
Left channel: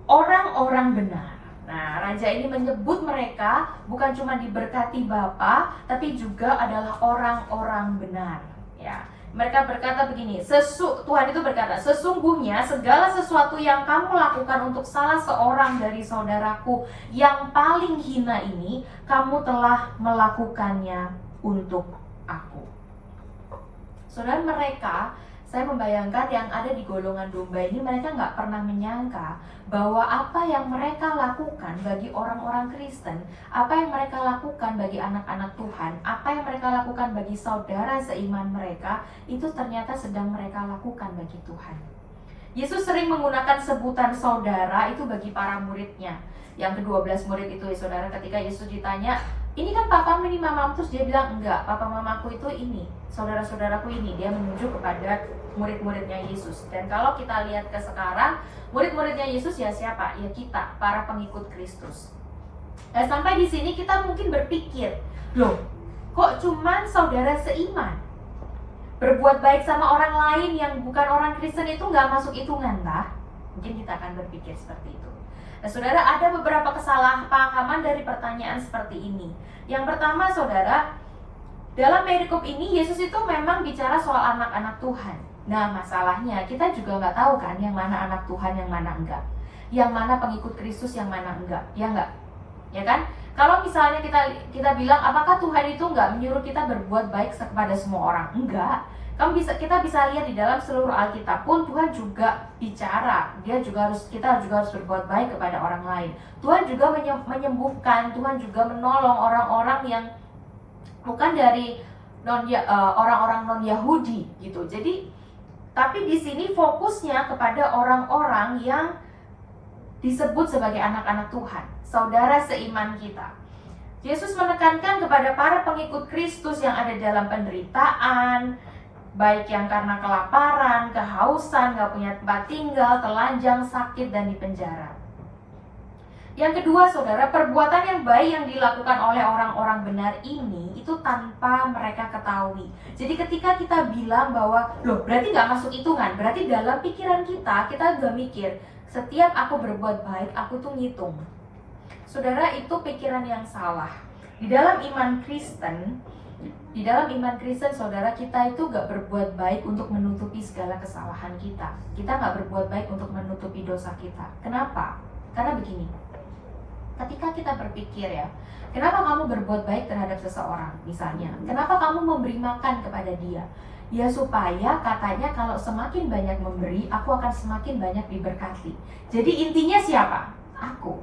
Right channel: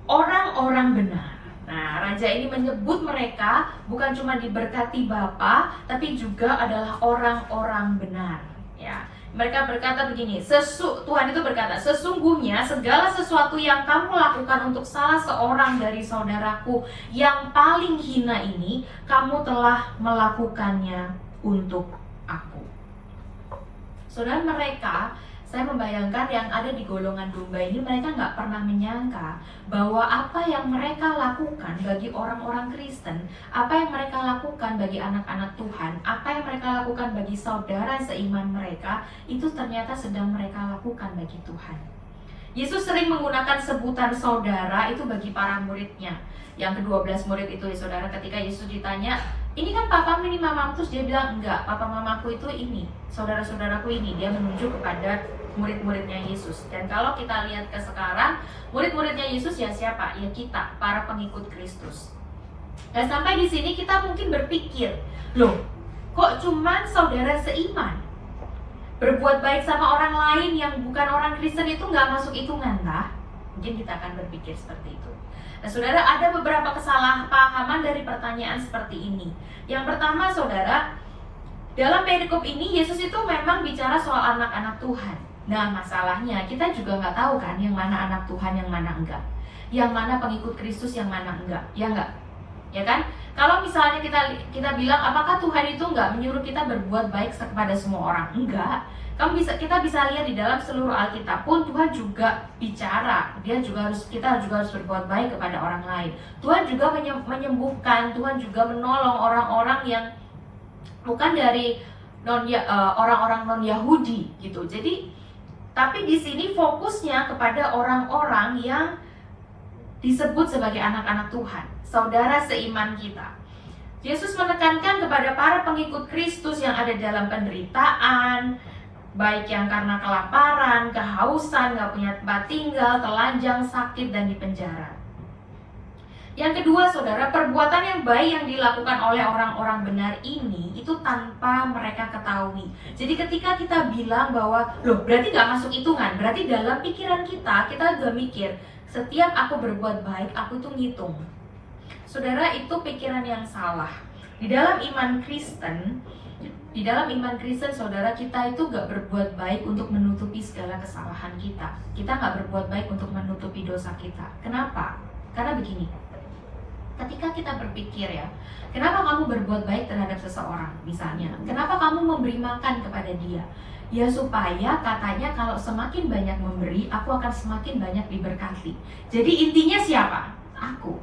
orang-orang benar. Nah, raja ini menyebut mereka bukan cuma diberkati Bapa, tapi juga adalah orang-orang benar. Ya, mereka berkata begini, Tuhan itu berkata, sesungguhnya segala sesuatu yang kamu lakukan untuk salah seorang dari saudaraku yang paling hina ini, kamu telah melakukannya untuk aku. Saudara, mereka, saya membayangkan yang ada di golongan domba ini, mereka nggak pernah menyangka bahwa apa yang mereka lakukan bagi orang-orang Kristen, apa yang mereka lakukan bagi anak-anak Tuhan, apa yang mereka lakukan bagi saudara seiman mereka, itu ternyata sedang mereka lakukan bagi Tuhan. Yesus sering menggunakan sebutan saudara itu bagi para muridnya. Yang ke-12 murid itu ya saudara, ketika Yesus ditanya, ini kan papamu, ini mamamu, terus dia bilang, enggak, papa mamaku itu ini, saudara-saudaraku ini. Dia menunjuk kepada murid-muridnya Yesus. Dan kalau kita lihat ke sekarang, murid-muridnya Yesus ya siapa? Ya kita, para pengikut Kristus. Dan sampai di sini kita mungkin berpikir, loh, kok cuman saudara seiman? Berbuat baik sama orang lain yang bukan orang Kristen itu nggak masuk hitungan, tah? Mungkin kita akan berpikir seperti itu. Nah, saudara, ada beberapa kesalahpahaman dari pertanyaan seperti ini. Yang pertama, saudara, dalam perikop ini Yesus itu memang bicara soal anak-anak Tuhan. Nah, masalahnya kita juga nggak tahu kan yang mana anak Tuhan, yang mana enggak, yang mana pengikut Kristus, yang mana enggak, ya enggak, ya kan? Kalau misalnya kita bilang apakah Tuhan itu nggak menyuruh kita berbuat baik kepada semua orang? Enggak. Kita bisa lihat di dalam seluruh Alkitab pun Tuhan juga bicara. Kita juga harus berbuat baik kepada orang lain. Tuhan juga menyembuhkan, Tuhan juga menolong orang-orang yang bukan dari orang-orang non-Yahudi gitu. Jadi tapi di sini fokusnya kepada orang-orang yang disebut sebagai anak-anak Tuhan, saudara seiman kita. Yesus menekankan kepada para pengikut Kristus yang ada dalam penderitaan, baik yang karena kelaparan, kehausan, gak punya tempat tinggal, telanjang, sakit, dan di penjara. Yang kedua, saudara, perbuatan yang baik yang dilakukan oleh orang-orang benar ini itu tanpa mereka ketahui. Jadi ketika kita bilang bahwa, loh berarti nggak masuk hitungan, berarti dalam pikiran kita udah mikir, setiap aku berbuat baik, aku tuh ngitung. Saudara, itu pikiran yang salah. Di dalam iman Kristen, saudara, kita itu gak berbuat baik untuk menutupi segala kesalahan kita. Kita gak berbuat baik untuk menutupi dosa kita. Kenapa? Karena begini, ketika kita berpikir ya, kenapa kamu berbuat baik terhadap seseorang misalnya? Kenapa kamu memberi makan kepada dia? Ya supaya katanya kalau semakin banyak memberi, aku akan semakin banyak diberkati. Jadi intinya siapa? Aku.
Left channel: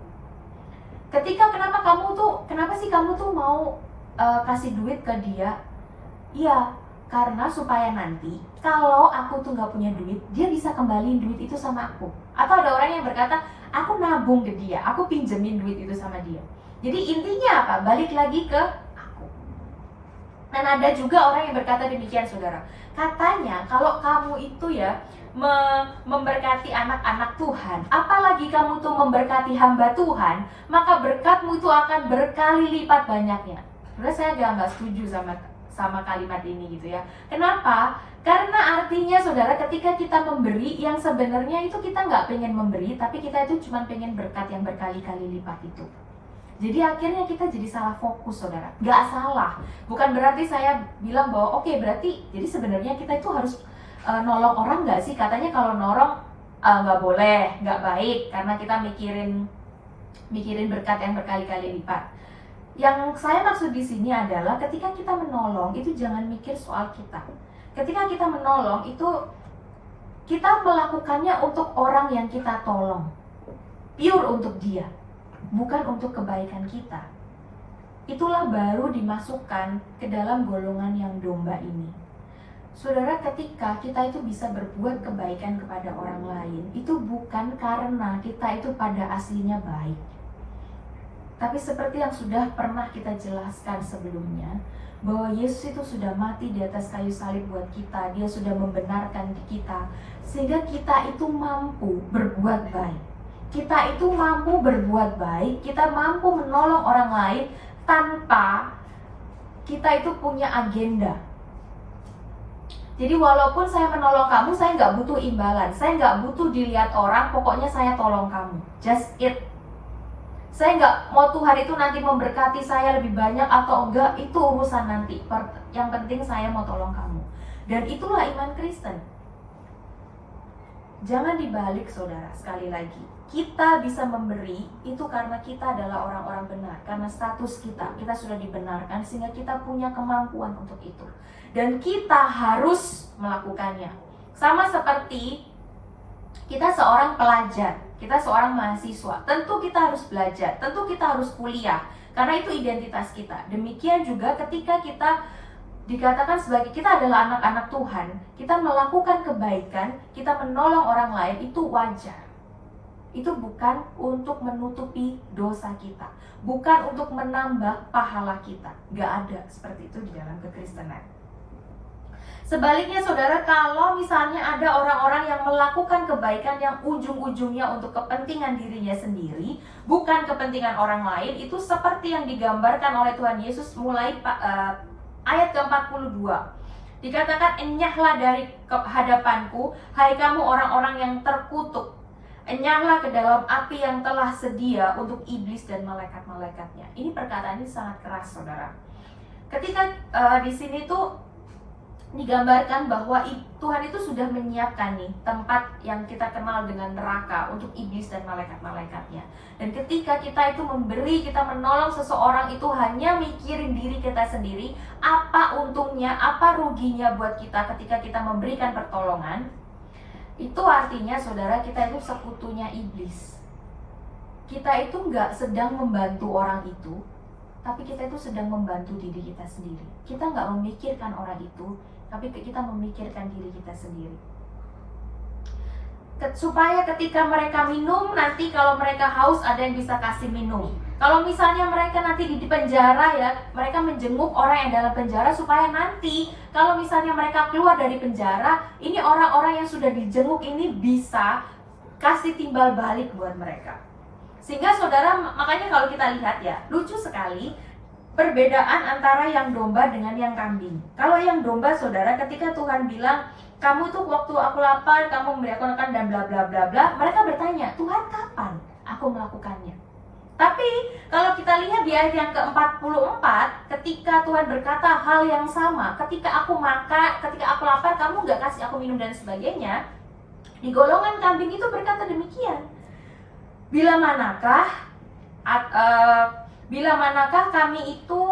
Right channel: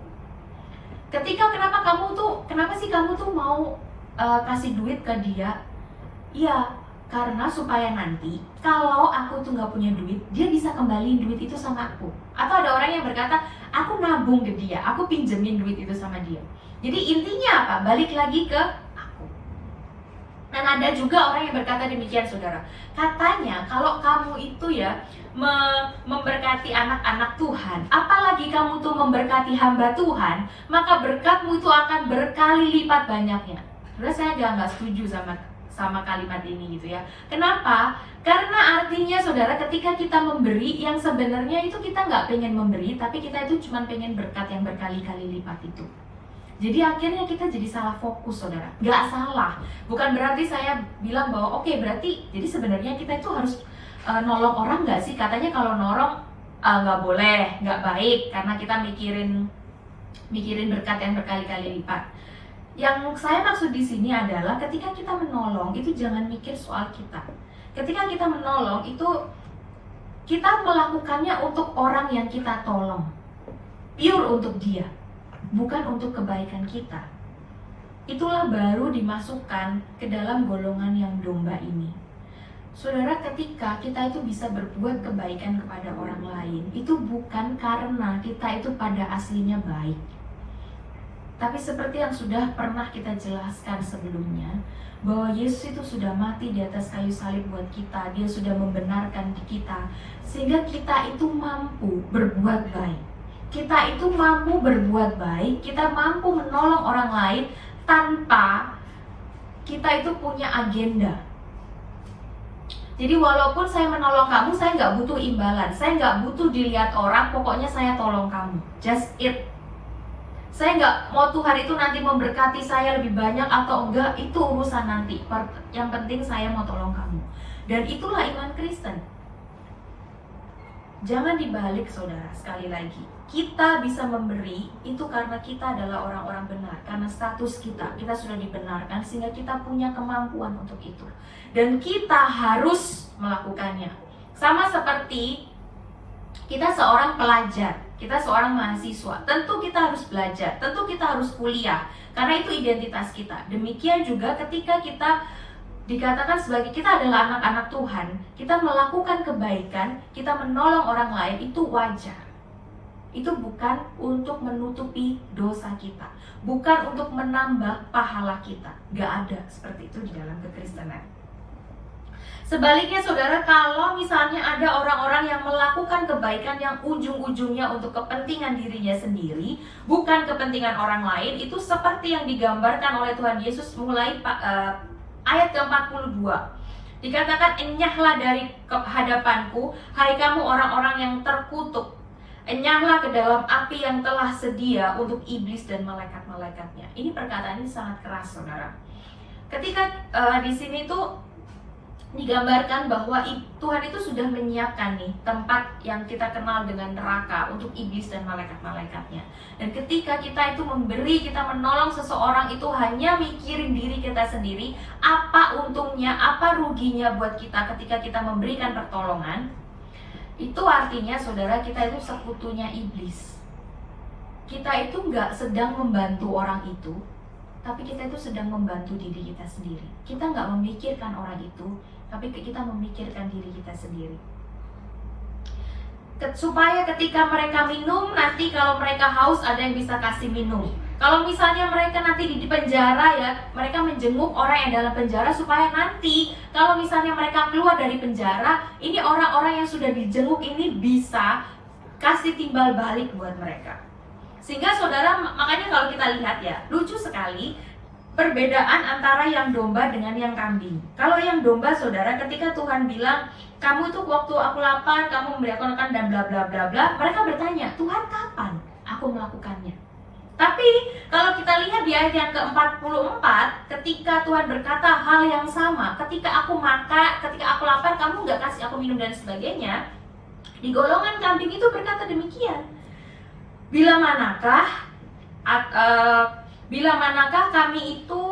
Kenapa sih kamu tuh mau kasih duit ke dia? Ya, karena supaya nanti kalau aku tuh nggak punya duit, dia bisa kembaliin duit itu sama aku. Atau ada orang yang berkata, aku nabung ke dia, aku pinjemin duit itu sama dia. Jadi intinya apa? Balik lagi ke aku. Dan ada juga orang yang berkata demikian, saudara. Katanya kalau kamu itu ya memberkati anak-anak Tuhan, apalagi kamu tuh memberkati hamba Tuhan, maka berkatmu itu akan berkali lipat banyaknya. Terus saya nggak setuju sama kalimat ini gitu ya. Kenapa? Karena artinya saudara, ketika kita memberi yang sebenarnya itu kita nggak pengen memberi, tapi kita itu cuma pengen berkat yang berkali-kali lipat itu. Jadi akhirnya kita jadi salah fokus, saudara. Nggak salah. Bukan berarti saya bilang bahwa oke, berarti jadi sebenarnya kita itu harus nolong orang nggak sih? Katanya kalau nolong nggak boleh, nggak baik, karena kita mikirin berkat yang berkali-kali lipat. Yang saya maksud di sini adalah ketika kita menolong itu jangan mikir soal kita. Ketika kita menolong itu kita melakukannya untuk orang yang kita tolong, pure untuk dia, bukan untuk kebaikan kita. Itulah baru dimasukkan ke dalam golongan yang domba ini. Saudara, ketika kita itu bisa berbuat kebaikan kepada orang lain, itu bukan karena kita itu pada aslinya baik. Tapi seperti yang sudah pernah kita jelaskan sebelumnya, bahwa Yesus itu sudah mati di atas kayu salib buat kita. Dia sudah membenarkan kita, sehingga kita itu mampu berbuat baik. Kita itu mampu berbuat baik, kita mampu menolong orang lain tanpa kita itu punya agenda. Jadi walaupun saya menolong kamu, saya nggak butuh imbalan, saya nggak butuh dilihat orang, pokoknya saya tolong kamu, just it. Saya nggak mau Tuhan itu nanti memberkati saya lebih banyak atau enggak, itu urusan nanti. Yang penting saya mau tolong kamu. Dan itulah iman Kristen. Jangan dibalik, saudara. Sekali lagi, kita bisa memberi itu karena kita adalah orang-orang benar, karena status kita sudah dibenarkan, sehingga kita punya kemampuan untuk itu. Dan kita harus melakukannya. Sama seperti kita seorang pelajar, kita seorang mahasiswa, tentu kita harus belajar, tentu kita harus kuliah, karena itu identitas kita. Demikian juga ketika kita dikatakan sebagai kita adalah anak-anak Tuhan, kita melakukan kebaikan, kita menolong orang lain, itu wajar. Itu bukan untuk menutupi dosa kita, bukan untuk menambah pahala kita. Gak ada seperti itu di dalam kekristenan. Sebaliknya saudara, kalau misalnya ada orang-orang yang melakukan kebaikan yang ujung-ujungnya untuk kepentingan dirinya sendiri, bukan kepentingan orang lain, itu seperti yang digambarkan oleh Tuhan Yesus mulai ayat ke-42. Dikatakan, enyahlah dari hadapanku, hai kamu orang-orang yang terkutuk. Enyahlah ke dalam api yang telah sedia untuk iblis dan malaikat-malaikatnya. Ini perkataan ini sangat keras, saudara. Ketika di sini tuh digambarkan bahwa Tuhan itu sudah menyiapkan nih tempat yang kita kenal dengan neraka untuk iblis dan malaikat-malaikatnya. Dan ketika kita itu memberi, kita menolong seseorang, itu hanya mikirin diri kita sendiri, apa untungnya, apa ruginya buat kita ketika kita memberikan pertolongan, itu artinya saudara, kita itu sekutunya iblis. Kita itu nggak sedang membantu orang itu, tapi kita itu sedang membantu diri kita sendiri. Kita nggak memikirkan orang itu, tapi kita memikirkan diri kita sendiri. Supaya ketika mereka minum, nanti kalau mereka haus ada yang bisa kasih minum. Kalau misalnya mereka nanti di penjara ya, mereka menjenguk orang yang dalam penjara, supaya nanti kalau misalnya mereka keluar dari penjara, ini orang-orang yang sudah dijenguk ini bisa kasih timbal balik buat mereka. Sehingga saudara, makanya kalau kita lihat ya, lucu sekali perbedaan antara yang domba dengan yang kambing. Kalau yang domba, saudara, ketika Tuhan bilang, kamu tuh waktu aku lapar, kamu memberi aku makan dan bla bla bla bla, mereka bertanya, Tuhan kapan aku melakukannya? Tapi kalau kita lihat di ayat yang ke-44, ketika Tuhan berkata hal yang sama, ketika aku makan, ketika aku lapar, kamu nggak kasih aku minum dan sebagainya, di golongan kambing itu berkata demikian. Bila manakah kami itu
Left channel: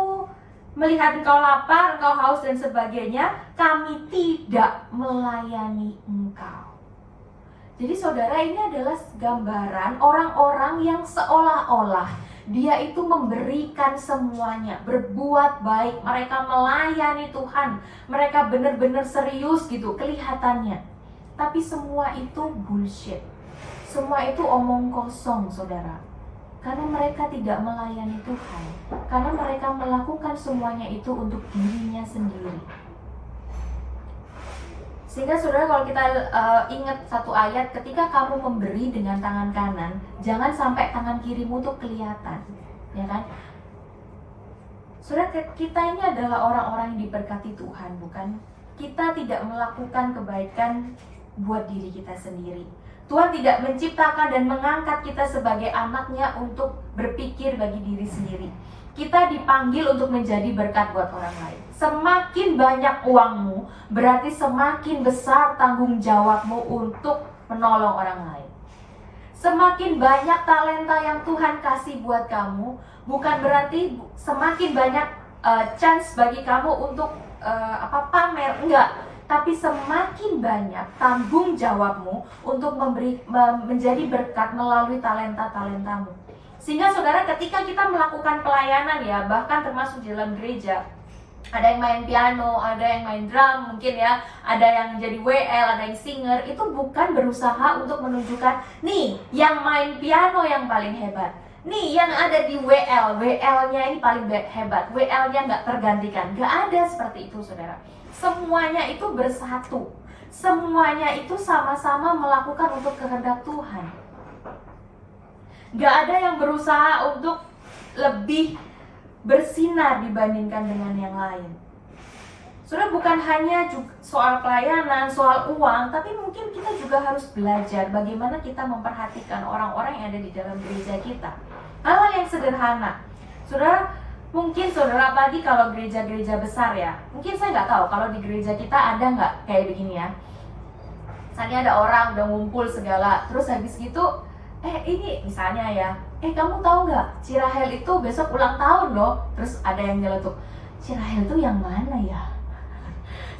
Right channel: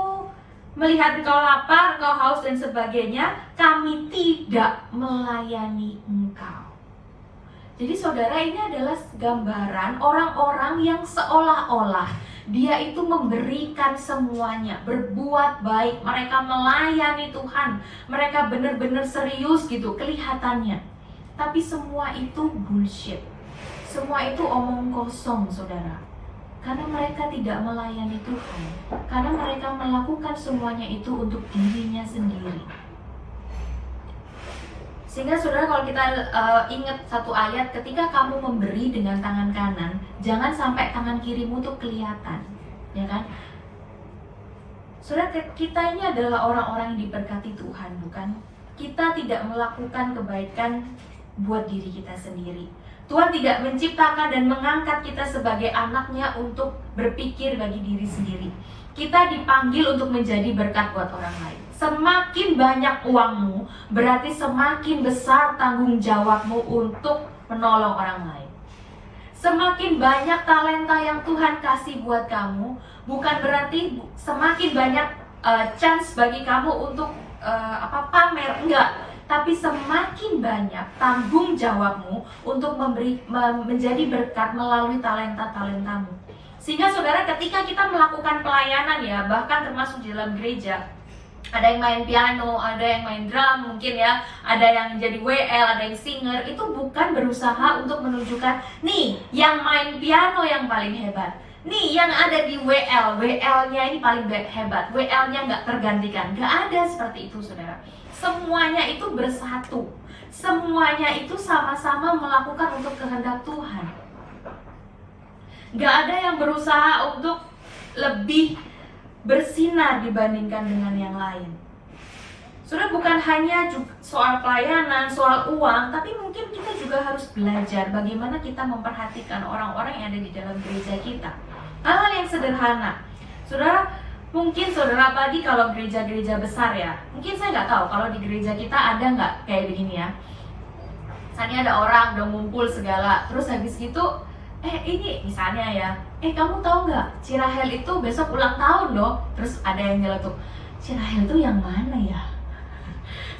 melihat engkau lapar, engkau haus dan sebagainya, kami tidak melayani engkau. Jadi saudara, ini adalah gambaran orang-orang yang seolah-olah dia itu memberikan semuanya, berbuat baik, mereka melayani Tuhan, mereka benar-benar serius gitu kelihatannya. Tapi semua itu bullshit, semua itu omong kosong, saudara. Karena mereka tidak melayani Tuhan, karena mereka melakukan semuanya itu untuk dirinya sendiri. Sehingga saudara, kalau kita ingat satu ayat, ketika kamu memberi dengan tangan kanan, jangan sampai tangan kirimu tuh kelihatan, ya kan? Saudara, kita ini adalah orang-orang yang diberkati Tuhan, bukan? Kita tidak melakukan kebaikan buat diri kita sendiri. Tuhan tidak menciptakan dan mengangkat kita sebagai anaknya untuk berpikir bagi diri sendiri. Kita dipanggil untuk menjadi berkat buat orang lain. Semakin banyak uangmu, berarti semakin besar tanggung jawabmu untuk menolong orang lain. Semakin banyak talenta yang Tuhan kasih buat kamu, bukan berarti semakin banyak chance bagi kamu untuk pamer, enggak. Tapi semakin banyak tanggung jawabmu untuk menjadi berkat melalui talenta-talentamu. Sehingga saudara, ketika kita melakukan pelayanan ya, bahkan termasuk di dalam gereja, ada yang main piano, ada yang main drum mungkin ya, ada yang jadi WL, ada yang singer, itu bukan berusaha untuk menunjukkan, nih yang main piano yang paling hebat, nih yang ada di WL-nya ini paling hebat, WL-nya nggak tergantikan. Nggak ada seperti itu, saudara. Semuanya itu bersatu, semuanya itu sama-sama melakukan untuk kehendak Tuhan. Nggak ada yang berusaha untuk lebih bersinar dibandingkan dengan yang lain. Saudara, bukan hanya soal pelayanan, soal uang, tapi mungkin kita juga harus belajar bagaimana kita memperhatikan orang-orang yang ada di dalam gereja kita. Hal-hal yang sederhana. Saudara, mungkin saudara, apalagi kalau gereja-gereja besar ya, mungkin saya nggak tahu kalau di gereja kita ada nggak kayak begini ya. Misalnya ada orang udah ngumpul segala, terus habis gitu, ini misalnya ya, kamu tahu nggak, Cirahel itu besok ulang tahun loh. Terus ada yang nyeletuk, Cirahel itu yang mana ya?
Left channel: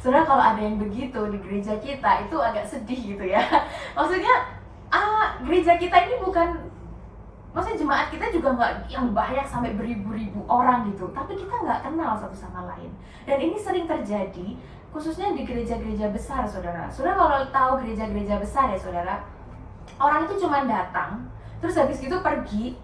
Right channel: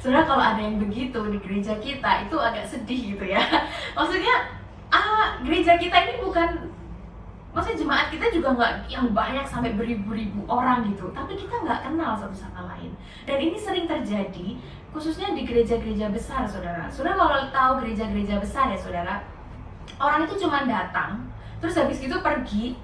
Saudara, kalau ada yang begitu di gereja kita, itu agak sedih gitu ya. Maksudnya, gereja kita ini bukan, maksudnya jemaat kita juga nggak yang banyak sampai beribu-ribu orang gitu, tapi kita nggak kenal satu sama lain. Dan ini sering terjadi, khususnya di gereja-gereja besar, saudara. Saudara kalau tahu gereja-gereja besar ya, saudara, orang itu cuma datang, terus habis itu pergi,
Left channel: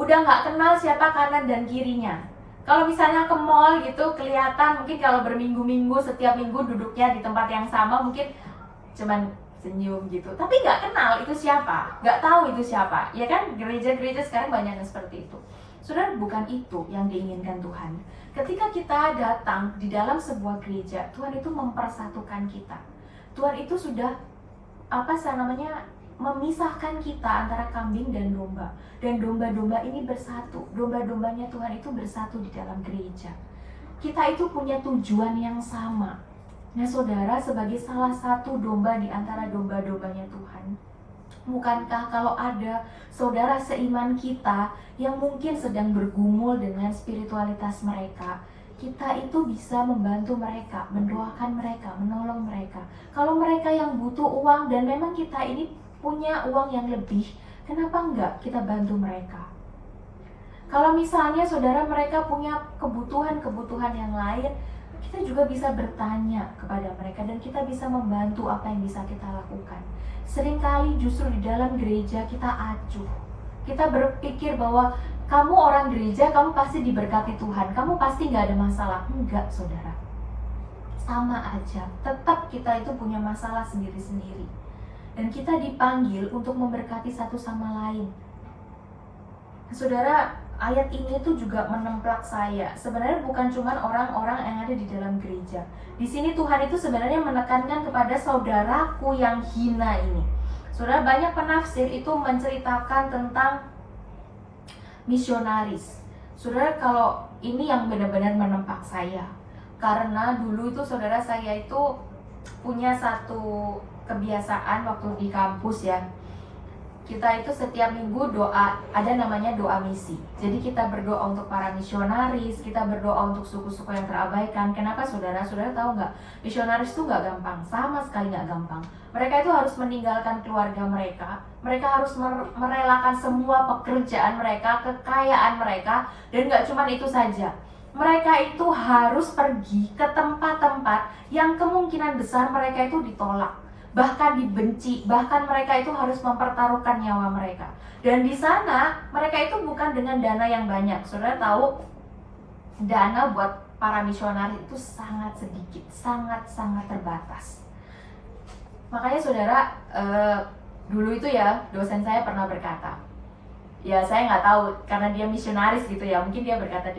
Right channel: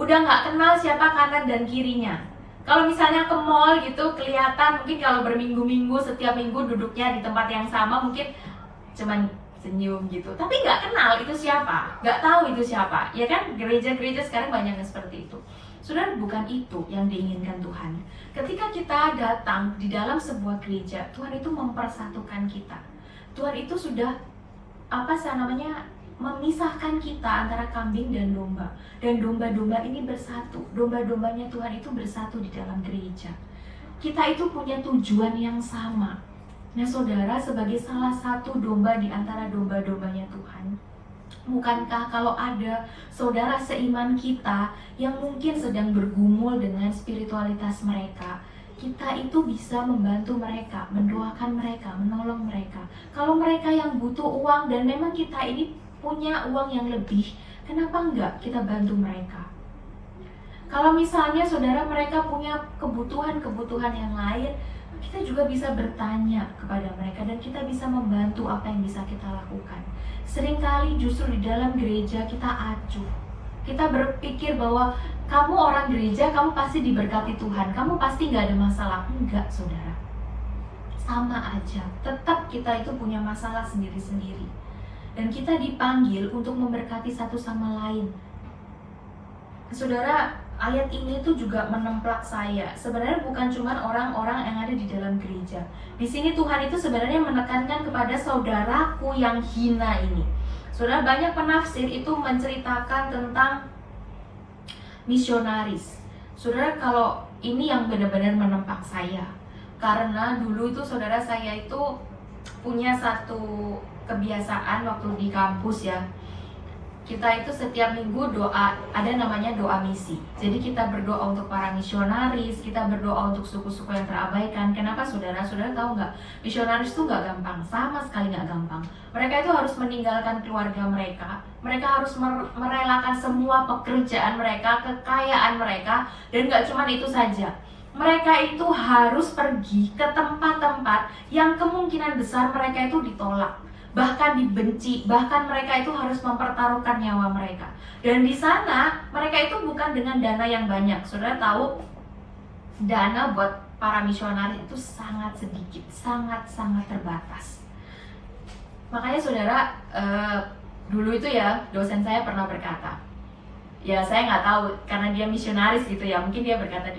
udah nggak kenal siapa kanan dan kirinya. Kalau misalnya ke mall gitu, kelihatan mungkin kalau berminggu-minggu, setiap minggu duduknya di tempat yang sama, mungkin cuman senyum gitu, tapi nggak kenal itu siapa, nggak tahu itu siapa, ya kan? Gereja-gereja sekarang banyak yang seperti itu. Saudara, bukan itu yang diinginkan Tuhan. Ketika kita datang di dalam sebuah gereja, Tuhan itu mempersatukan kita. Tuhan itu sudah memisahkan kita antara kambing dan domba. Dan domba-domba ini bersatu. Domba-dombanya Tuhan itu bersatu di dalam gereja. Kita itu punya tujuan yang sama. Nah saudara, sebagai salah satu domba di antara domba-dombanya Tuhan, bukankah kalau ada saudara seiman kita yang mungkin sedang bergumul dengan spiritualitas mereka, kita itu bisa membantu mereka, mendoakan mereka, menolong mereka. Kalau mereka yang butuh uang dan memang kita ini punya uang yang lebih, kenapa enggak kita bantu mereka? Kalau misalnya saudara mereka punya kebutuhan-kebutuhan yang lain, kita juga bisa bertanya kepada mereka dan kita bisa membantu apa yang bisa kita lakukan. Seringkali justru di dalam gereja kita acuh. Kita berpikir bahwa kamu orang gereja, kamu pasti diberkati Tuhan, kamu pasti nggak ada masalah. Enggak, saudara. Sama aja, tetap kita itu punya masalah sendiri-sendiri. Dan kita dipanggil untuk memberkati satu sama lain. Saudara, ayat ini tuh juga menemplak saya. Sebenarnya bukan cuma orang-orang yang ada di dalam gereja. Di sini Tuhan itu sebenarnya menekankan kepada saudaraku yang hina ini. Saudara, banyak penafsir itu menceritakan tentang misionaris. Saudara, kalau ini yang benar-benar menempak saya. Karena dulu itu saudara saya itu punya satu kebiasaan waktu di kampus ya. Kita itu setiap minggu doa, ada namanya doa misi. Jadi kita berdoa untuk para misionaris, kita berdoa untuk suku-suku yang terabaikan. Kenapa saudara? Saudara tahu nggak? Misionaris itu nggak gampang, sama sekali nggak gampang. Mereka itu harus meninggalkan keluarga mereka. Mereka harus merelakan semua pekerjaan mereka, kekayaan mereka. Dan nggak cuma itu saja. Mereka itu harus pergi ke tempat-tempat yang kemungkinan besar mereka itu ditolak, bahkan dibenci, bahkan mereka itu harus mempertaruhkan nyawa mereka. Dan di sana mereka itu bukan dengan dana yang banyak. Saudara tahu, dana buat para misionaris itu sangat sedikit, sangat terbatas. Makanya saudara, dulu itu ya dosen saya pernah berkata, ya saya nggak tahu karena dia misionaris gitu ya, mungkin dia berkata,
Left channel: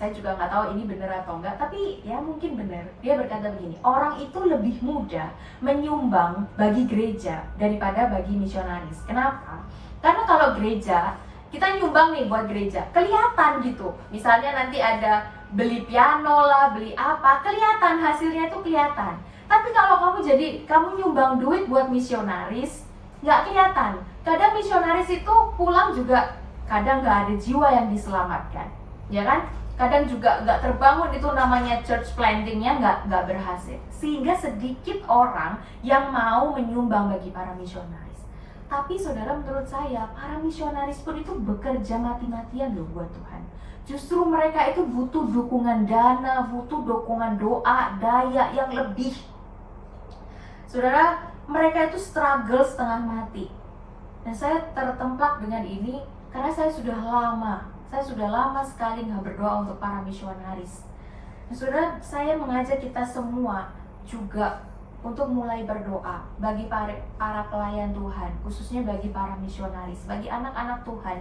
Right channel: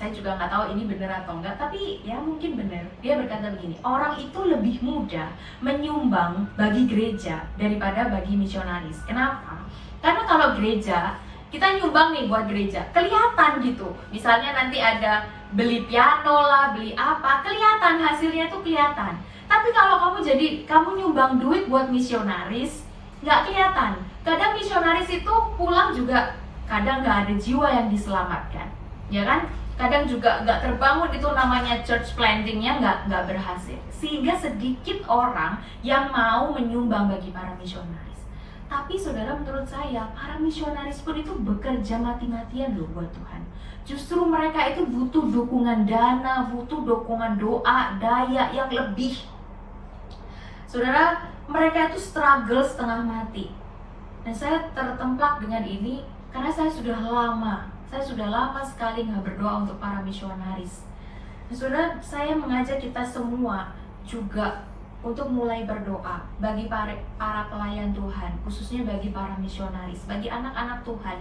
saya juga nggak tahu ini benar atau enggak, tapi ya mungkin benar. Dia berkata begini, orang itu lebih mudah menyumbang bagi gereja daripada bagi misionaris. Kenapa? Karena kalau gereja, kita nyumbang nih buat gereja, kelihatan gitu. Misalnya nanti ada beli piano lah, beli apa, kelihatan, hasilnya itu kelihatan. Tapi kalau kamu nyumbang duit buat misionaris, nggak kelihatan. Kadang misionaris itu pulang juga, kadang nggak ada jiwa yang diselamatkan, ya kan? Kadang juga nggak terbangun itu namanya church plantingnya nggak berhasil, sehingga sedikit orang yang mau menyumbang bagi para misionaris. Tapi saudara, menurut saya para misionaris pun itu bekerja mati-matian loh buat Tuhan. Justru mereka itu butuh dukungan dana, butuh dukungan doa, daya yang lebih. Saudara, mereka itu struggle setengah mati. Dan saya tertemplak dengan ini karena saya sudah lama sekali nggak berdoa untuk para misionaris. Nah, saudara, saya mengajak kita semua juga untuk mulai berdoa bagi para pelayan Tuhan, khususnya bagi para misionaris, bagi anak-anak Tuhan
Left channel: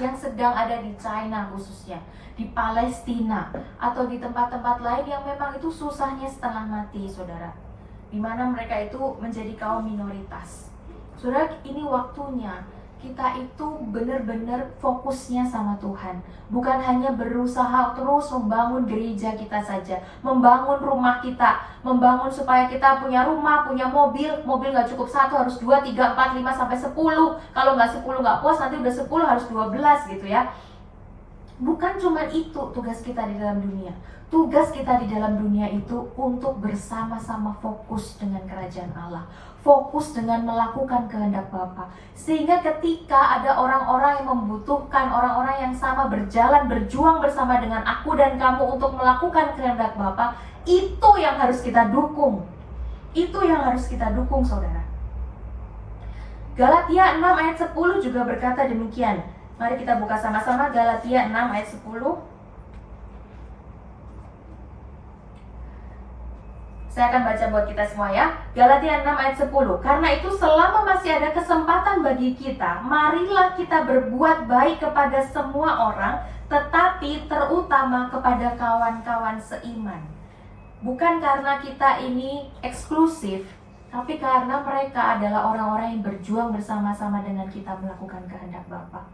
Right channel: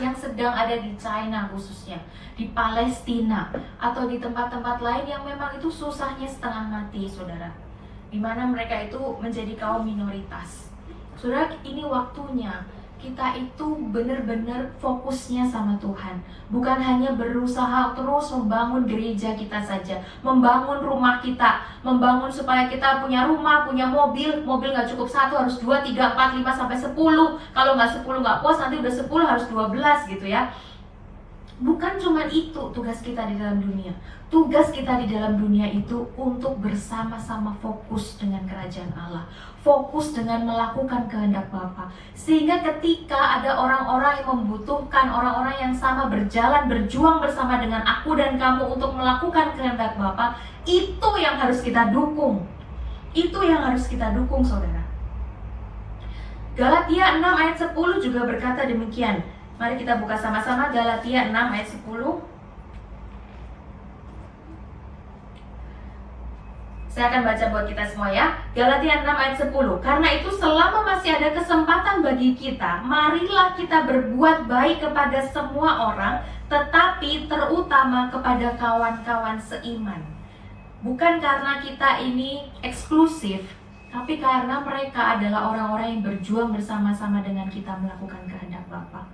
yang sedang ada di China, khususnya di Palestina atau di tempat-tempat lain yang memang itu susahnya setengah mati, saudara, di mana mereka itu menjadi kaum minoritas. Saudara, ini waktunya kita itu benar-benar fokusnya sama Tuhan. Bukan hanya berusaha terus membangun gereja kita saja, membangun rumah kita, membangun supaya kita punya rumah, punya mobil. Mobil gak cukup satu, harus 2, 3, 4, 5, sampai 10. Kalau gak 10 gak puas, nanti udah 10 harus 12 gitu ya. Bukan cuma itu tugas kita di dalam dunia. Tugas kita di dalam dunia itu untuk bersama-sama fokus dengan kerajaan Allah, fokus dengan melakukan kehendak Bapa. Sehingga ketika ada orang-orang yang membutuhkan, orang-orang yang sama berjuang bersama dengan aku dan kamu untuk melakukan kehendak Bapa, itu yang harus kita dukung. Itu yang harus kita dukung, saudara. Galatia 6 ayat 10 juga berkata demikian. Mari kita buka sama-sama Galatia 6 ayat 10. Saya akan baca buat kita semua ya. Galatia 6 ayat 10. Karena itu selama masih ada kesempatan bagi kita, marilah kita berbuat baik kepada semua orang, tetapi terutama kepada kawan-kawan seiman. Bukan karena kita ini eksklusif, tapi karena mereka adalah orang-orang yang berjuang bersama-sama dengan kita melakukan kehendak Bapa.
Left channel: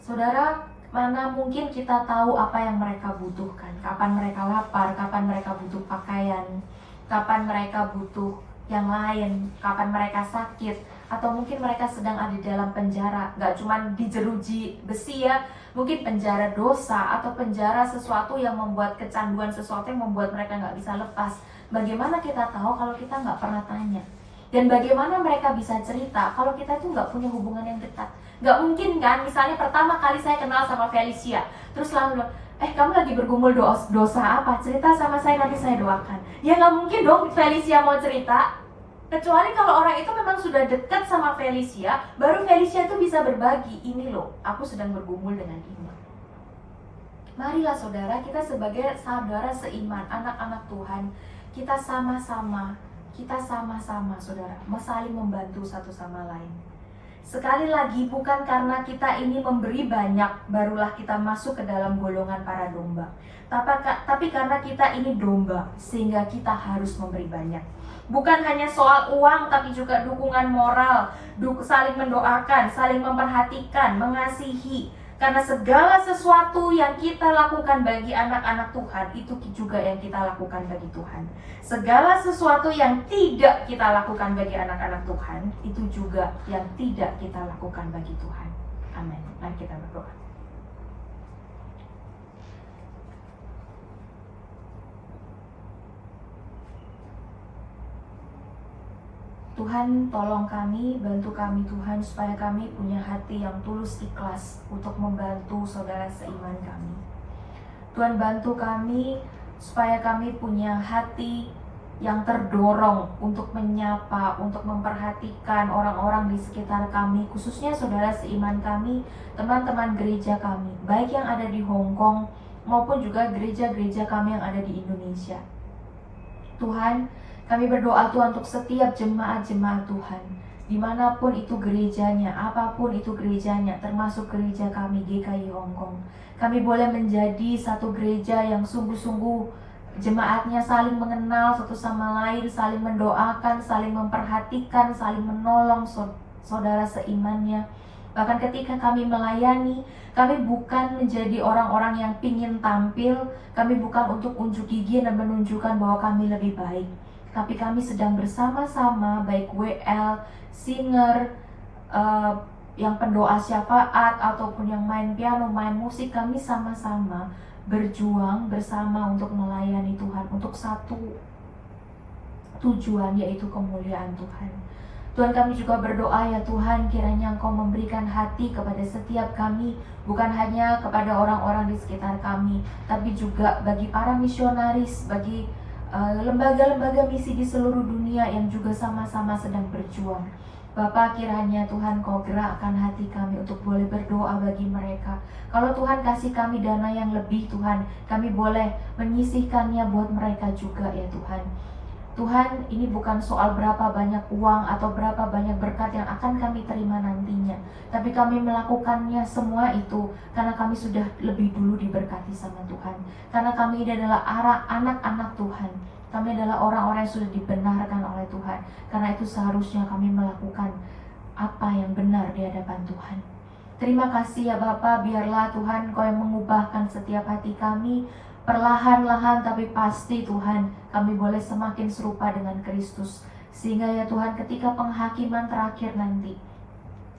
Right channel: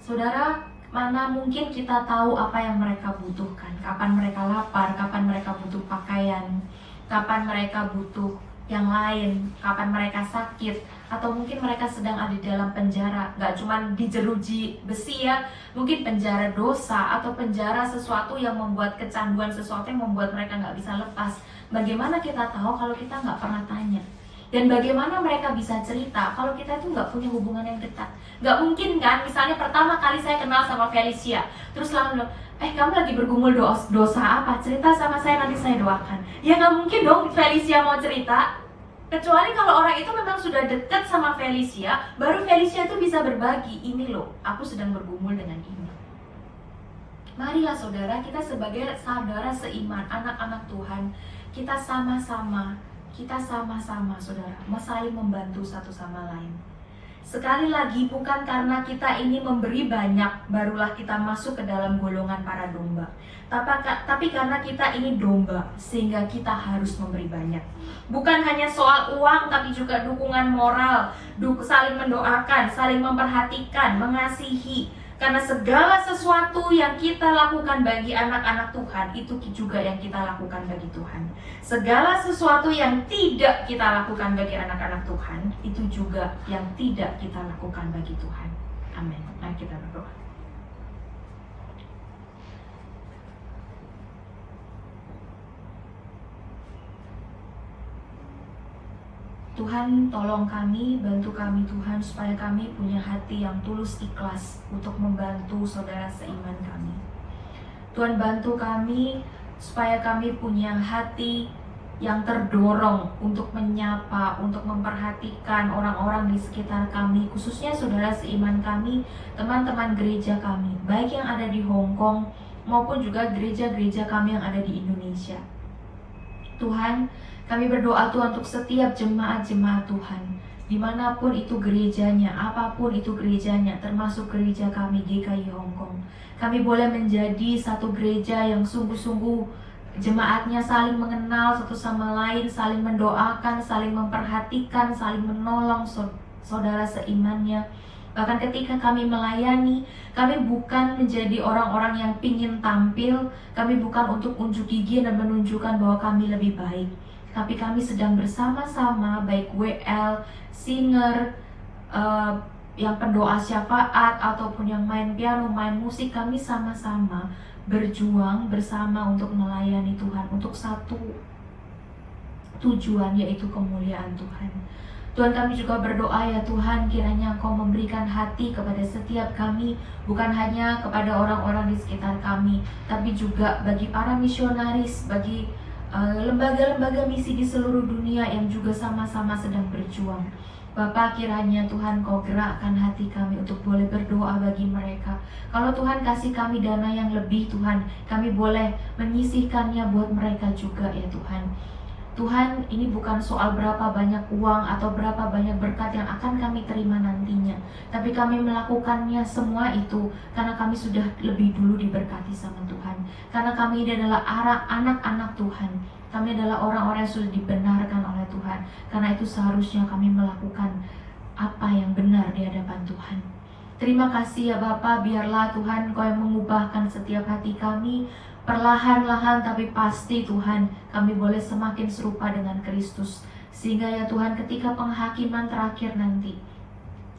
Saudara, mana mungkin kita tahu apa yang mereka butuhkan, kapan mereka lapar, kapan mereka butuh pakaian, kapan mereka butuh yang lain, kapan mereka sakit, atau mungkin mereka sedang ada di dalam penjara, gak cuma dijeruji besi ya, mungkin penjara dosa atau penjara sesuatu yang membuat kecanduan, sesuatu yang membuat mereka gak bisa lepas. Bagaimana kita tahu kalau kita gak pernah tanya? Dan bagaimana mereka bisa cerita kalau kita tuh gak punya hubungan yang dekat? Gak mungkin kan, misalnya pertama kali saya kenal sama Felicia, terus lalu kamu lagi bergumul dosa apa? Cerita sama saya, nanti saya doakan. Ya gak mungkin dong Felicia mau cerita. Kecuali kalau orang itu memang sudah dekat sama Felicia, baru Felicia itu bisa berbagi, ini loh, aku sedang bergumul dengan ini. Marilah saudara, kita sebagai saudara seiman, anak-anak Tuhan, kita sama-sama saudara, saling membantu satu sama lain. Sekali lagi, bukan karena kita ini memberi banyak barulah kita masuk ke dalam golongan para domba, tapi karena kita ini domba sehingga kita harus memberi banyak. Bukan hanya soal uang, tapi juga dukungan moral, saling mendoakan, saling memperhatikan, mengasihi. Karena segala sesuatu yang kita lakukan bagi anak-anak Tuhan, itu juga yang kita lakukan bagi Tuhan. Segala sesuatu yang tidak kita lakukan bagi anak-anak Tuhan, itu juga yang tidak kita lakukan bagi Tuhan. Amin. Mari kita berdoa. Tuhan, tolong kami, bantu kami Tuhan, supaya kami punya hati yang tulus ikhlas untuk membantu saudara seiman kami. Tuhan, bantu kami supaya kami punya hati yang terdorong untuk menyapa, untuk memperhatikan orang-orang di sekitar kami, khususnya saudara seiman kami, teman-teman gereja kami, baik yang ada di Hong Kong maupun juga gereja-gereja kami yang ada di Indonesia. Tuhan, kami berdoa Tuhan untuk setiap jemaat-jemaat Tuhan, dimanapun itu gerejanya, apapun itu gerejanya, termasuk gereja kami GKI Hong Kong. Kami boleh menjadi satu gereja yang sungguh-sungguh jemaatnya saling mengenal satu sama lain, saling mendoakan, saling memperhatikan, saling menolong saudara seimannya. Bahkan ketika kami melayani, kami bukan menjadi orang-orang yang pingin tampil, kami bukan untuk unjuk gigi dan menunjukkan bahwa kami lebih baik. Tapi kami sedang bersama-sama, baik WL, singer, yang pendoa syafaat, ataupun yang main piano, main musik, kami sama-sama berjuang bersama untuk melayani Tuhan, untuk satu tujuan, yaitu kemuliaan Tuhan. Tuhan, kami juga berdoa ya Tuhan, kiranya Engkau memberikan hati kepada setiap kami, bukan hanya kepada orang-orang di sekitar kami, tapi juga bagi para misionaris, bagi lembaga-lembaga misi di seluruh dunia yang juga sama-sama sedang berjuang. Bapa, kiranya Tuhan Kau gerakkan hati kami untuk boleh berdoa bagi mereka. Kalau Tuhan kasih kami dana yang lebih Tuhan, kami boleh menyisihkannya buat mereka juga ya Tuhan. Tuhan, ini bukan soal berapa banyak uang atau berapa banyak berkat yang akan kami terima nantinya, tapi kami melakukannya semua itu karena kami sudah lebih dulu diberkati sama Tuhan. Karena kami ini adalah anak-anak Tuhan. Kami adalah orang-orang yang sudah dibenarkan oleh Tuhan. Karena itu seharusnya kami melakukan apa yang benar di hadapan Tuhan. Terima kasih ya Bapa, biarlah Tuhan Kau yang mengubahkan setiap hati kami. Perlahan-lahan tapi pasti Tuhan, kami boleh semakin serupa dengan Kristus. Sehingga ya Tuhan, ketika penghakiman terakhir nanti,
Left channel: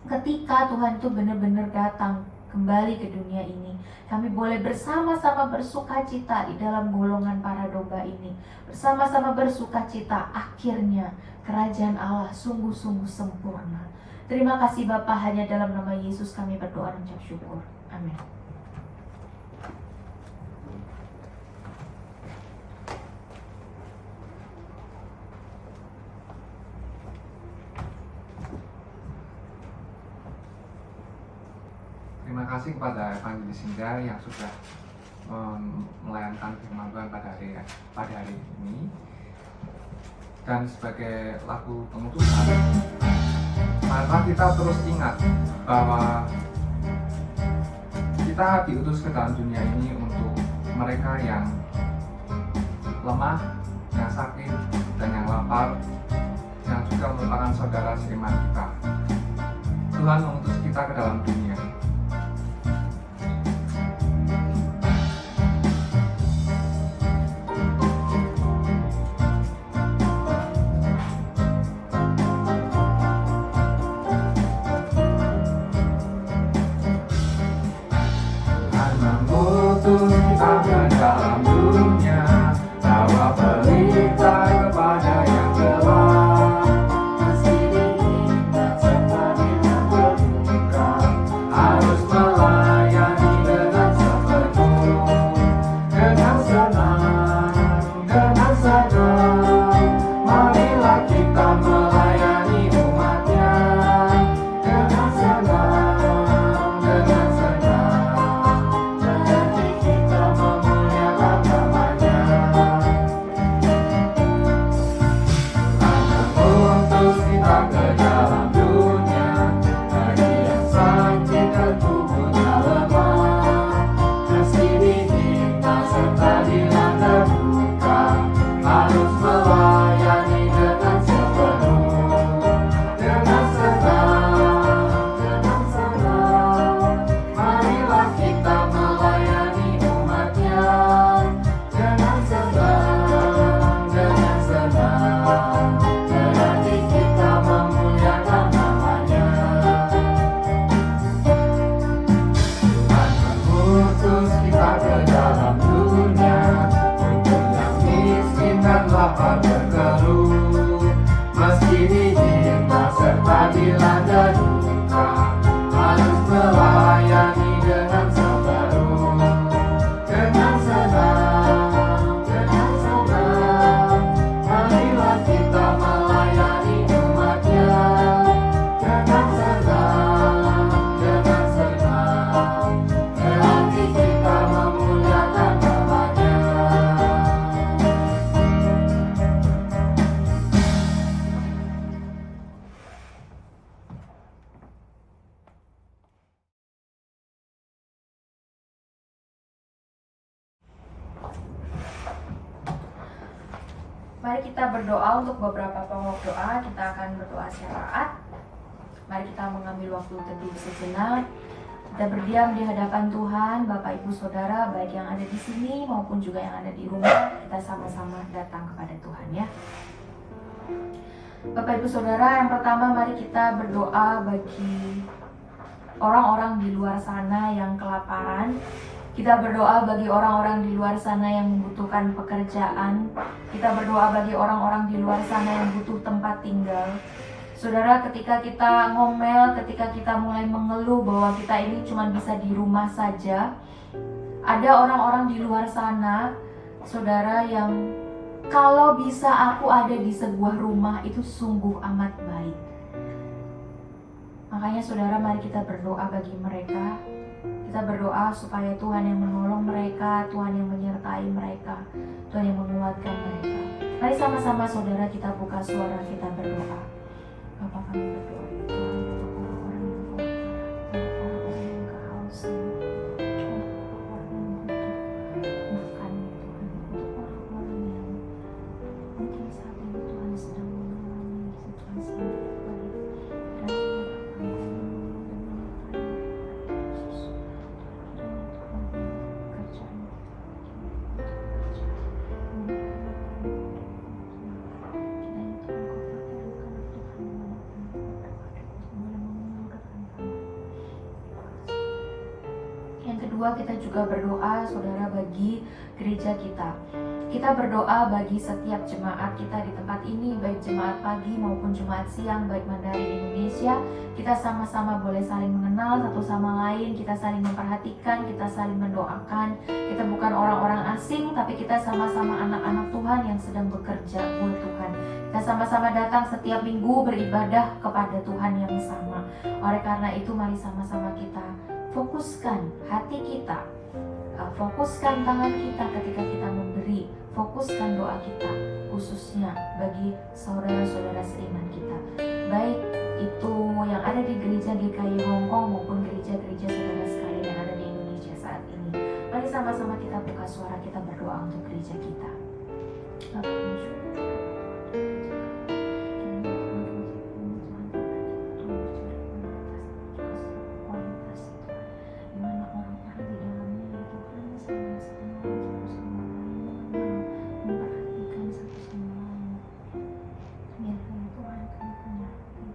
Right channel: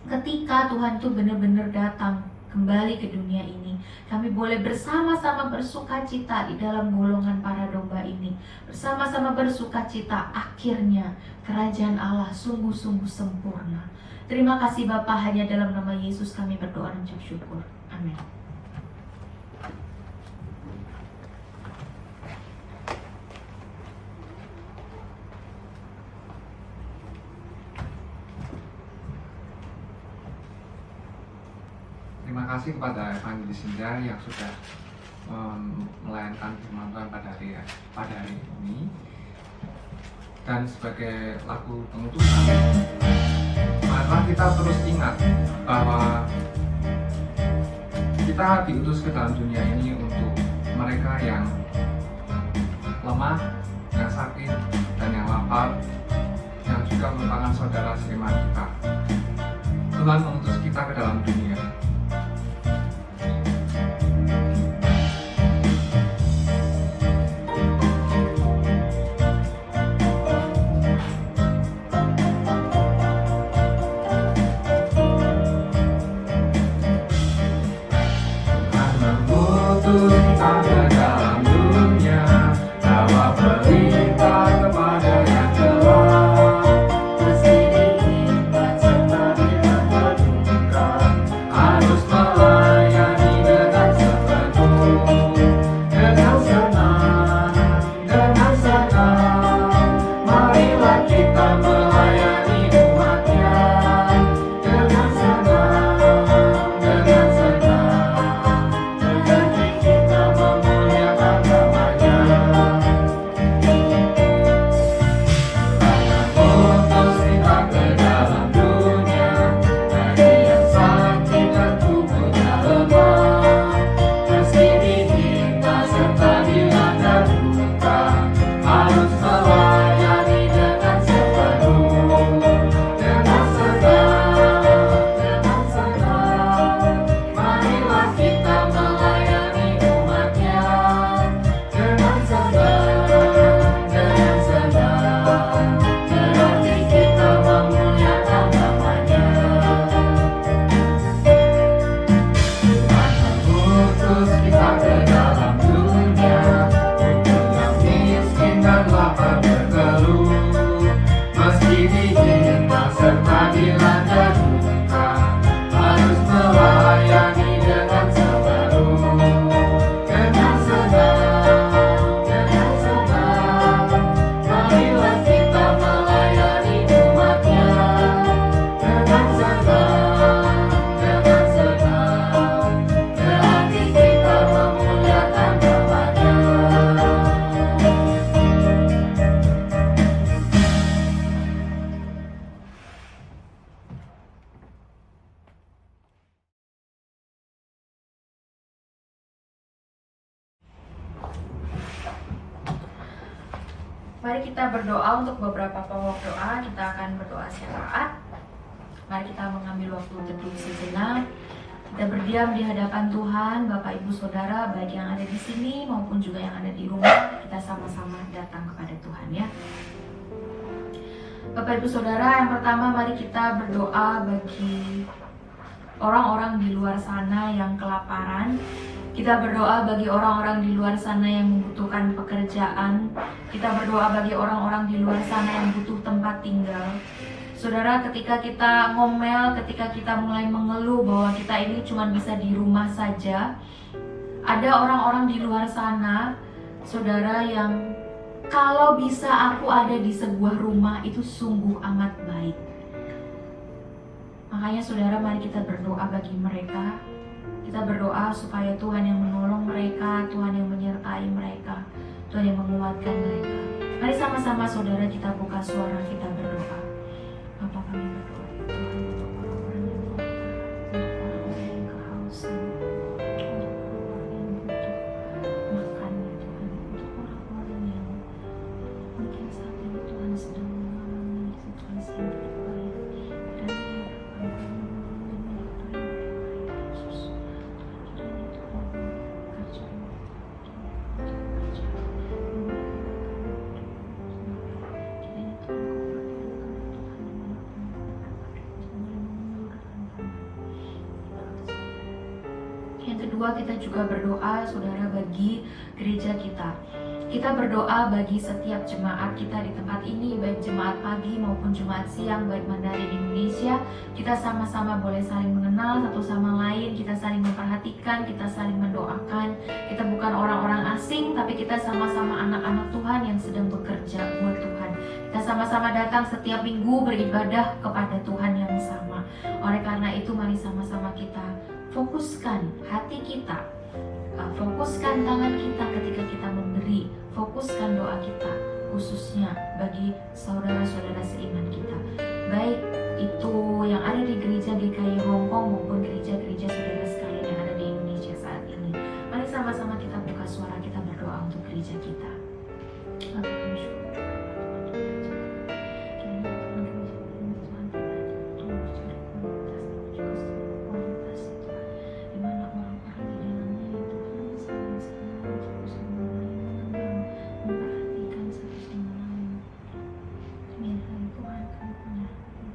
ketika Tuhan itu benar-benar datang kembali ke dunia ini, kami boleh bersama-sama bersukacita di dalam golongan para domba ini. Bersama-sama bersukacita, akhirnya kerajaan Allah sungguh-sungguh sempurna. Terima kasih Bapa, hanya dalam nama Yesus kami berdoa dan ucap syukur. Amin. Terima kasih kepada Evangelis Indra yang sudah melayankan firman Tuhan pada hari ini. Dan sebagai lagu penutupan, marilah kita terus ingat bahwa kita diutus ke dalam dunia ini untuk mereka yang lemah, yang sakit, dan yang lapar, yang juga merupakan saudara seiman kita. Tuhan mengutus kita ke dalam dunia. Kita ke dalam dunia, bawa berita kepada yang gelap. Kesini serta dengan berduka, harus melayani dengan sepenuh, dengan senang, dengan senang. Marilah kita melayani umatnya dengan senang, dengan senang. Kita memuliakan Mari kita berdoa untuk beberapa pokok doa. Kita akan berdoa syafaat. Mari kita mengambil waktu teduh sejenak. Kita berdiam di hadapan Tuhan, Bapak Ibu Saudara, baik yang ada di sini maupun juga yang ada di rumah. Kita sama-sama datang kepada Tuhan ya. Bapak Ibu Saudara, yang pertama mari kita berdoa bagi orang-orang di luar sana yang kelaparan. Kita berdoa bagi orang-orang di luar sana yang membutuhkan pekerjaan. Kita berdoa bagi orang-orang di luar sana yang butuh tempat tinggal. Saudara, ketika kita ngomel, ketika kita mulai mengeluh bahwa kita ini cuma bisa di rumah saja, ada orang-orang di luar sana, saudara, yang kalau bisa aku ada di sebuah rumah itu sungguh amat baik. Makanya saudara, mari kita berdoa bagi mereka. Kita berdoa supaya Tuhan yang menolong mereka, Tuhan yang menyertai mereka, Tuhan yang menguatkan mereka. Mari sama-sama saudara kita buka suara, kita berdoa. Bapa, kami berdoa ya Tuhan untuk orang-orang yang kelaparan, untuk orang-orang yang kehausan, untuk orang-orang yang butuh makan ya Tuhan, untuk orang-orang yang mungkin saat ini Tuhan sedang mengalami situasi yang tidak baik. Dan ya Bapa, kami menolong dan menyertai mereka ya Yesus. Tuhan, kiranya Tuhan membawa pekerjaan, kiranya Tuhan kau pakai anak-anak Tuhan dimanapun mereka berada untuk mulai menyalurkan tangan. Yang kedua, kita juga berdoa saudara bagi gereja kita. Kita berdoa bagi setiap jemaat kita di tempat ini, baik jemaat pagi maupun jemaat siang, baik Mandarin Indonesia. Kita sama-sama boleh saling mengenal satu sama lain, kita saling memperhatikan, kita saling mendoakan. Kita bukan orang-orang asing, tapi kita sama-sama anak-anak Tuhan yang sedang bekerja buat Tuhan. Kita sama-sama datang setiap minggu beribadah kepada Tuhan yang sama. Oleh karena itu, mari sama-sama kita fokuskan hati kita, fokuskan tangan kita ketika kita memberi, fokuskan doa kita khususnya bagi saudara-saudara seiman kita, baik itu yang ada di gereja GKI Hong Kong maupun gereja-gereja saudara sekalian yang ada di Indonesia saat ini. Mari sama-sama kita buka suara, kita berdoa untuk gereja kita. Bapak, kami syukur kiranya Tuhan gereja ini Tuhan Tuhan mencari kualitas itu, di mana orang-orang di dalamnya ya Tuhan sama-sama satu sama lain mengenal, memperhatikan satu sama lain. Biarlah ya Tuhan kami punya hati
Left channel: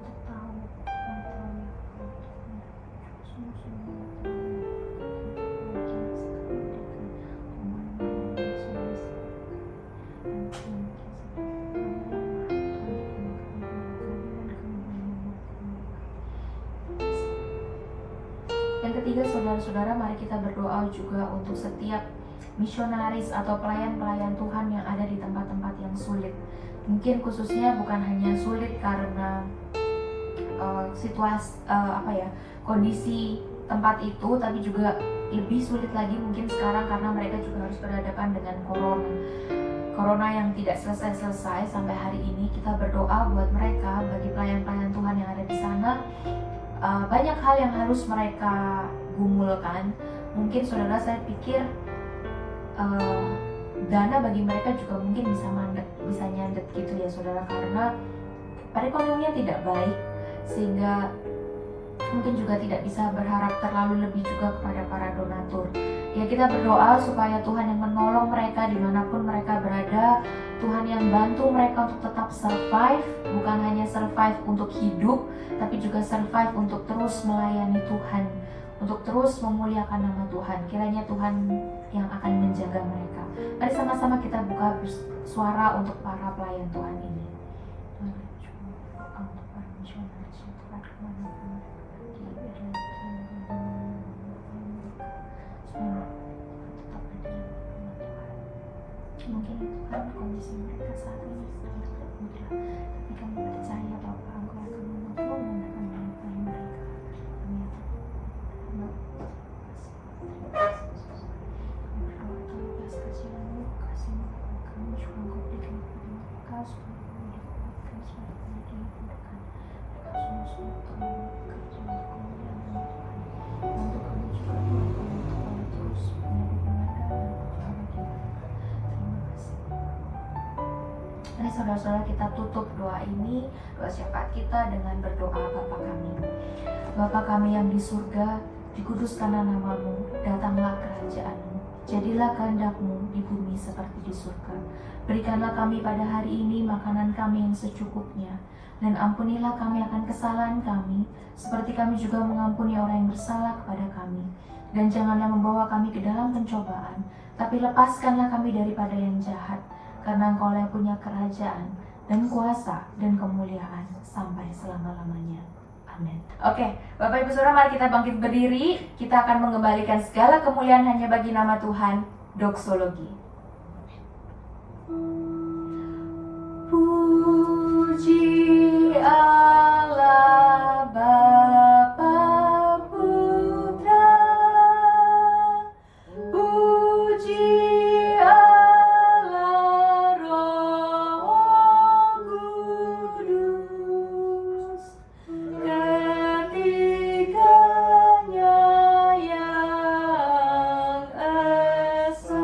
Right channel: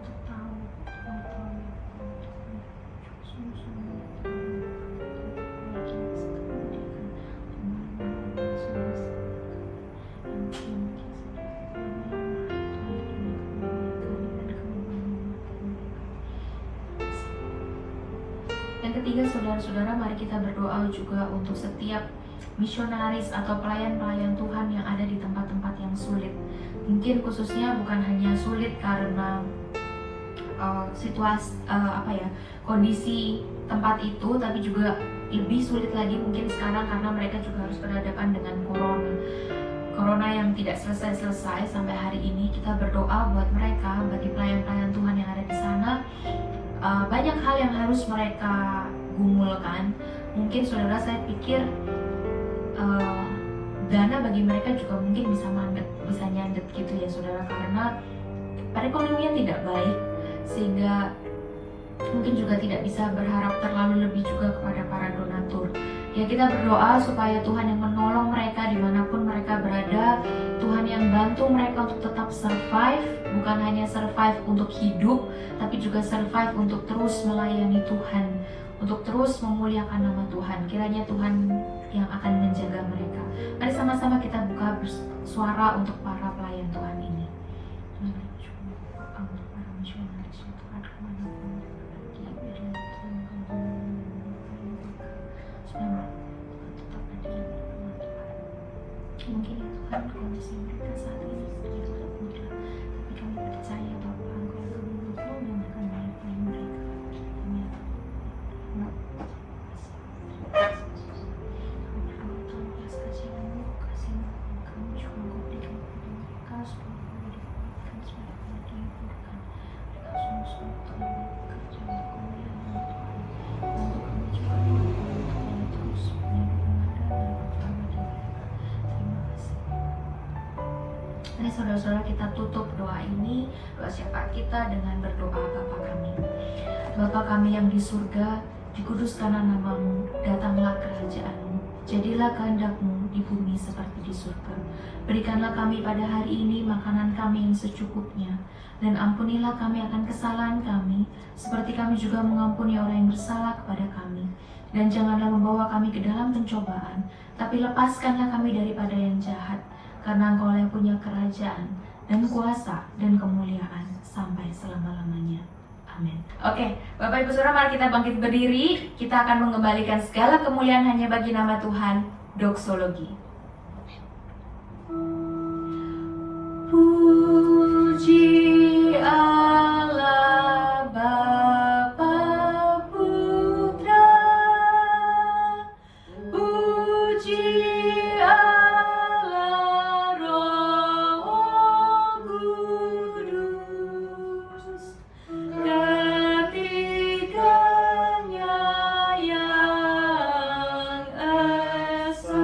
untuk tahu, Tuhan tahu ya Tuhan, Tuhan sungguh-sungguh tahu apa yang kami berikan untuk menolong saudara yang mungkin sedang lemah. Tuhan kiranya kami berkati dan kami menguatkan mereka. Yang ketiga, saudara-saudara, mari kita berdoa juga untuk setiap misionaris atau pelayan-pelayan Tuhan yang ada di tempat-tempat yang sulit. Mungkin khususnya bukan hanya sulit karena situasi kondisi tempat itu, tapi juga lebih sulit lagi mungkin sekarang karena mereka juga harus berhadapan dengan corona yang tidak selesai-selesai sampai hari ini. Kita berdoa buat mereka, bagi pelayan-pelayan Tuhan yang ada di sana. Banyak hal yang harus mereka gumulkan. Mungkin saudara, saya pikir dana bagi mereka juga mungkin bisa nyandet gitu ya saudara, karena perekonomian tidak baik, sehingga mungkin juga tidak bisa berharap terlalu lebih juga kepada para donatur. Ya, kita berdoa supaya Tuhan yang menolong mereka dimanapun mereka berada. Tuhan yang bantu mereka untuk tetap survive, bukan hanya survive untuk hidup, tapi juga survive untuk terus melayani Tuhan, untuk terus memuliakan nama Tuhan. Kiranya Tuhan yang akan menjaga mereka. Mari sama-sama kita buka suara untuk para pelayan Tuhan ini. Tuhan, doa untuk para misionaris ya Tuhan, kemanapun mereka pergi, biarlah Tuhan mereka supaya mereka tetap ada di bersama Tuhan. Mungkin ya Tuhan, kondisi mereka saat ini tidak mudah, tapi kami percaya bahwa Engkau akan menolong dan akan menyertai mereka. Kami akan kami berdoa Tuhan, belas kasihan-Mu, kasih-Mu, kami juga Engkau berikan kepada mereka supaya kami dikuatkan, supaya kami dihiburkan. Mereka sungguh-sungguh Tuhan bekerja untuk kemuliaan nama Tuhan. Bantu kami juga Tuhan untuk boleh terus menjadi pemandangan bagi mereka. Terima kasih. Mari saudara-saudara kita tutup doa ini, doa syafaat kita dengan berdoa. Bapa kami. Bapa kami yang di surga, dikuduskanlah namamu, datanglah kerajaanmu, jadilah kehendakmu di bumi seperti di surga. Berikanlah kami pada hari ini makanan kami yang secukupnya, dan ampunilah kami akan kesalahan kami, seperti kami juga mengampuni orang yang bersalah kepada kami. Dan janganlah membawa kami ke dalam pencobaan, tapi lepaskanlah kami daripada yang jahat, karena Engkau yang punya kerajaan, dan kuasa, dan kemuliaan, sampai selama-lamanya. Amin. Oke, Bapak Ibu Saudara, mari kita bangkit berdiri. Kita akan mengembalikan segala kemuliaan hanya bagi nama Tuhan. Doksologi. Puji Allah Bapa Putra, puji Allah Roh Kudus, ketiganya yang esa.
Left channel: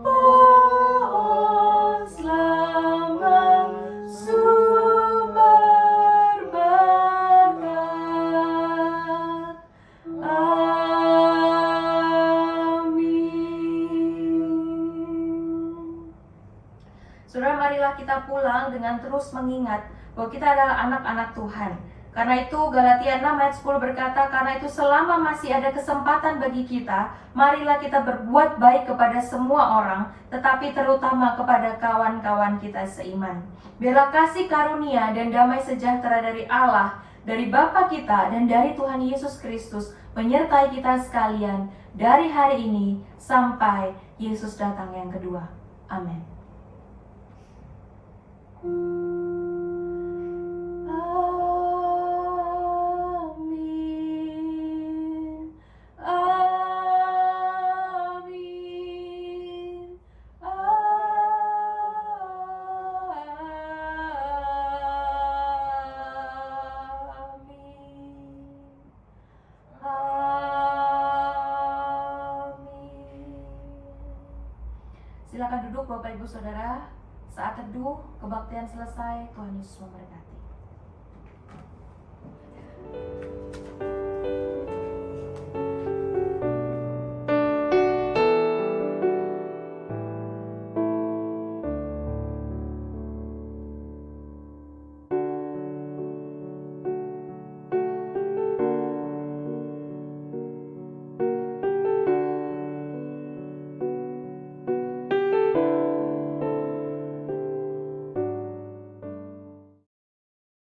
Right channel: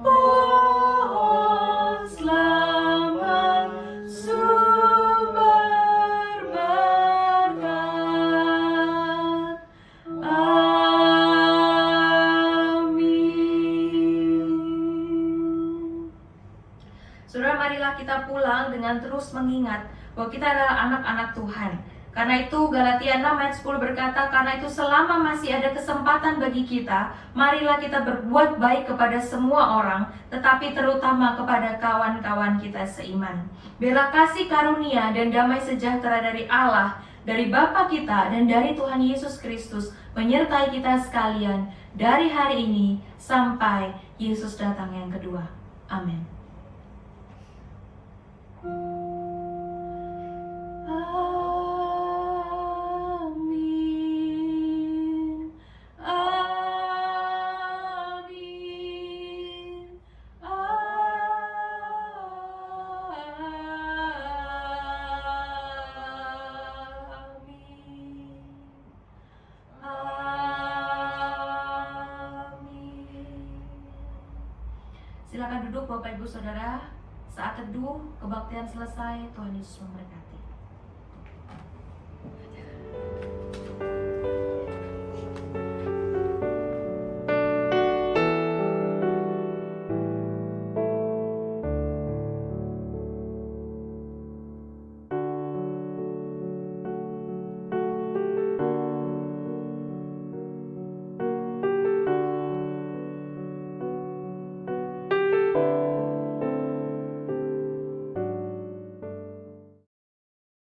Pohon selamat sumber berkat. Amin. Saudara, marilah kita pulang dengan terus mengingat bahwa kita adalah anak-anak Tuhan. Karena itu Galatia 6 ayat 10 berkata, karena itu selama masih ada kesempatan bagi kita, marilah kita berbuat baik kepada semua orang, tetapi terutama kepada kawan-kawan kita seiman. Biarlah kasih karunia dan damai sejahtera dari Allah, dari Bapa kita dan dari Tuhan Yesus Kristus menyertai kita sekalian dari hari ini sampai Yesus datang yang kedua. Amin. Amin. Amin. Silakan duduk Bapak Ibu Saudara. Saat teduh, kebaktian selesai. Tuhan Yesus memberkati.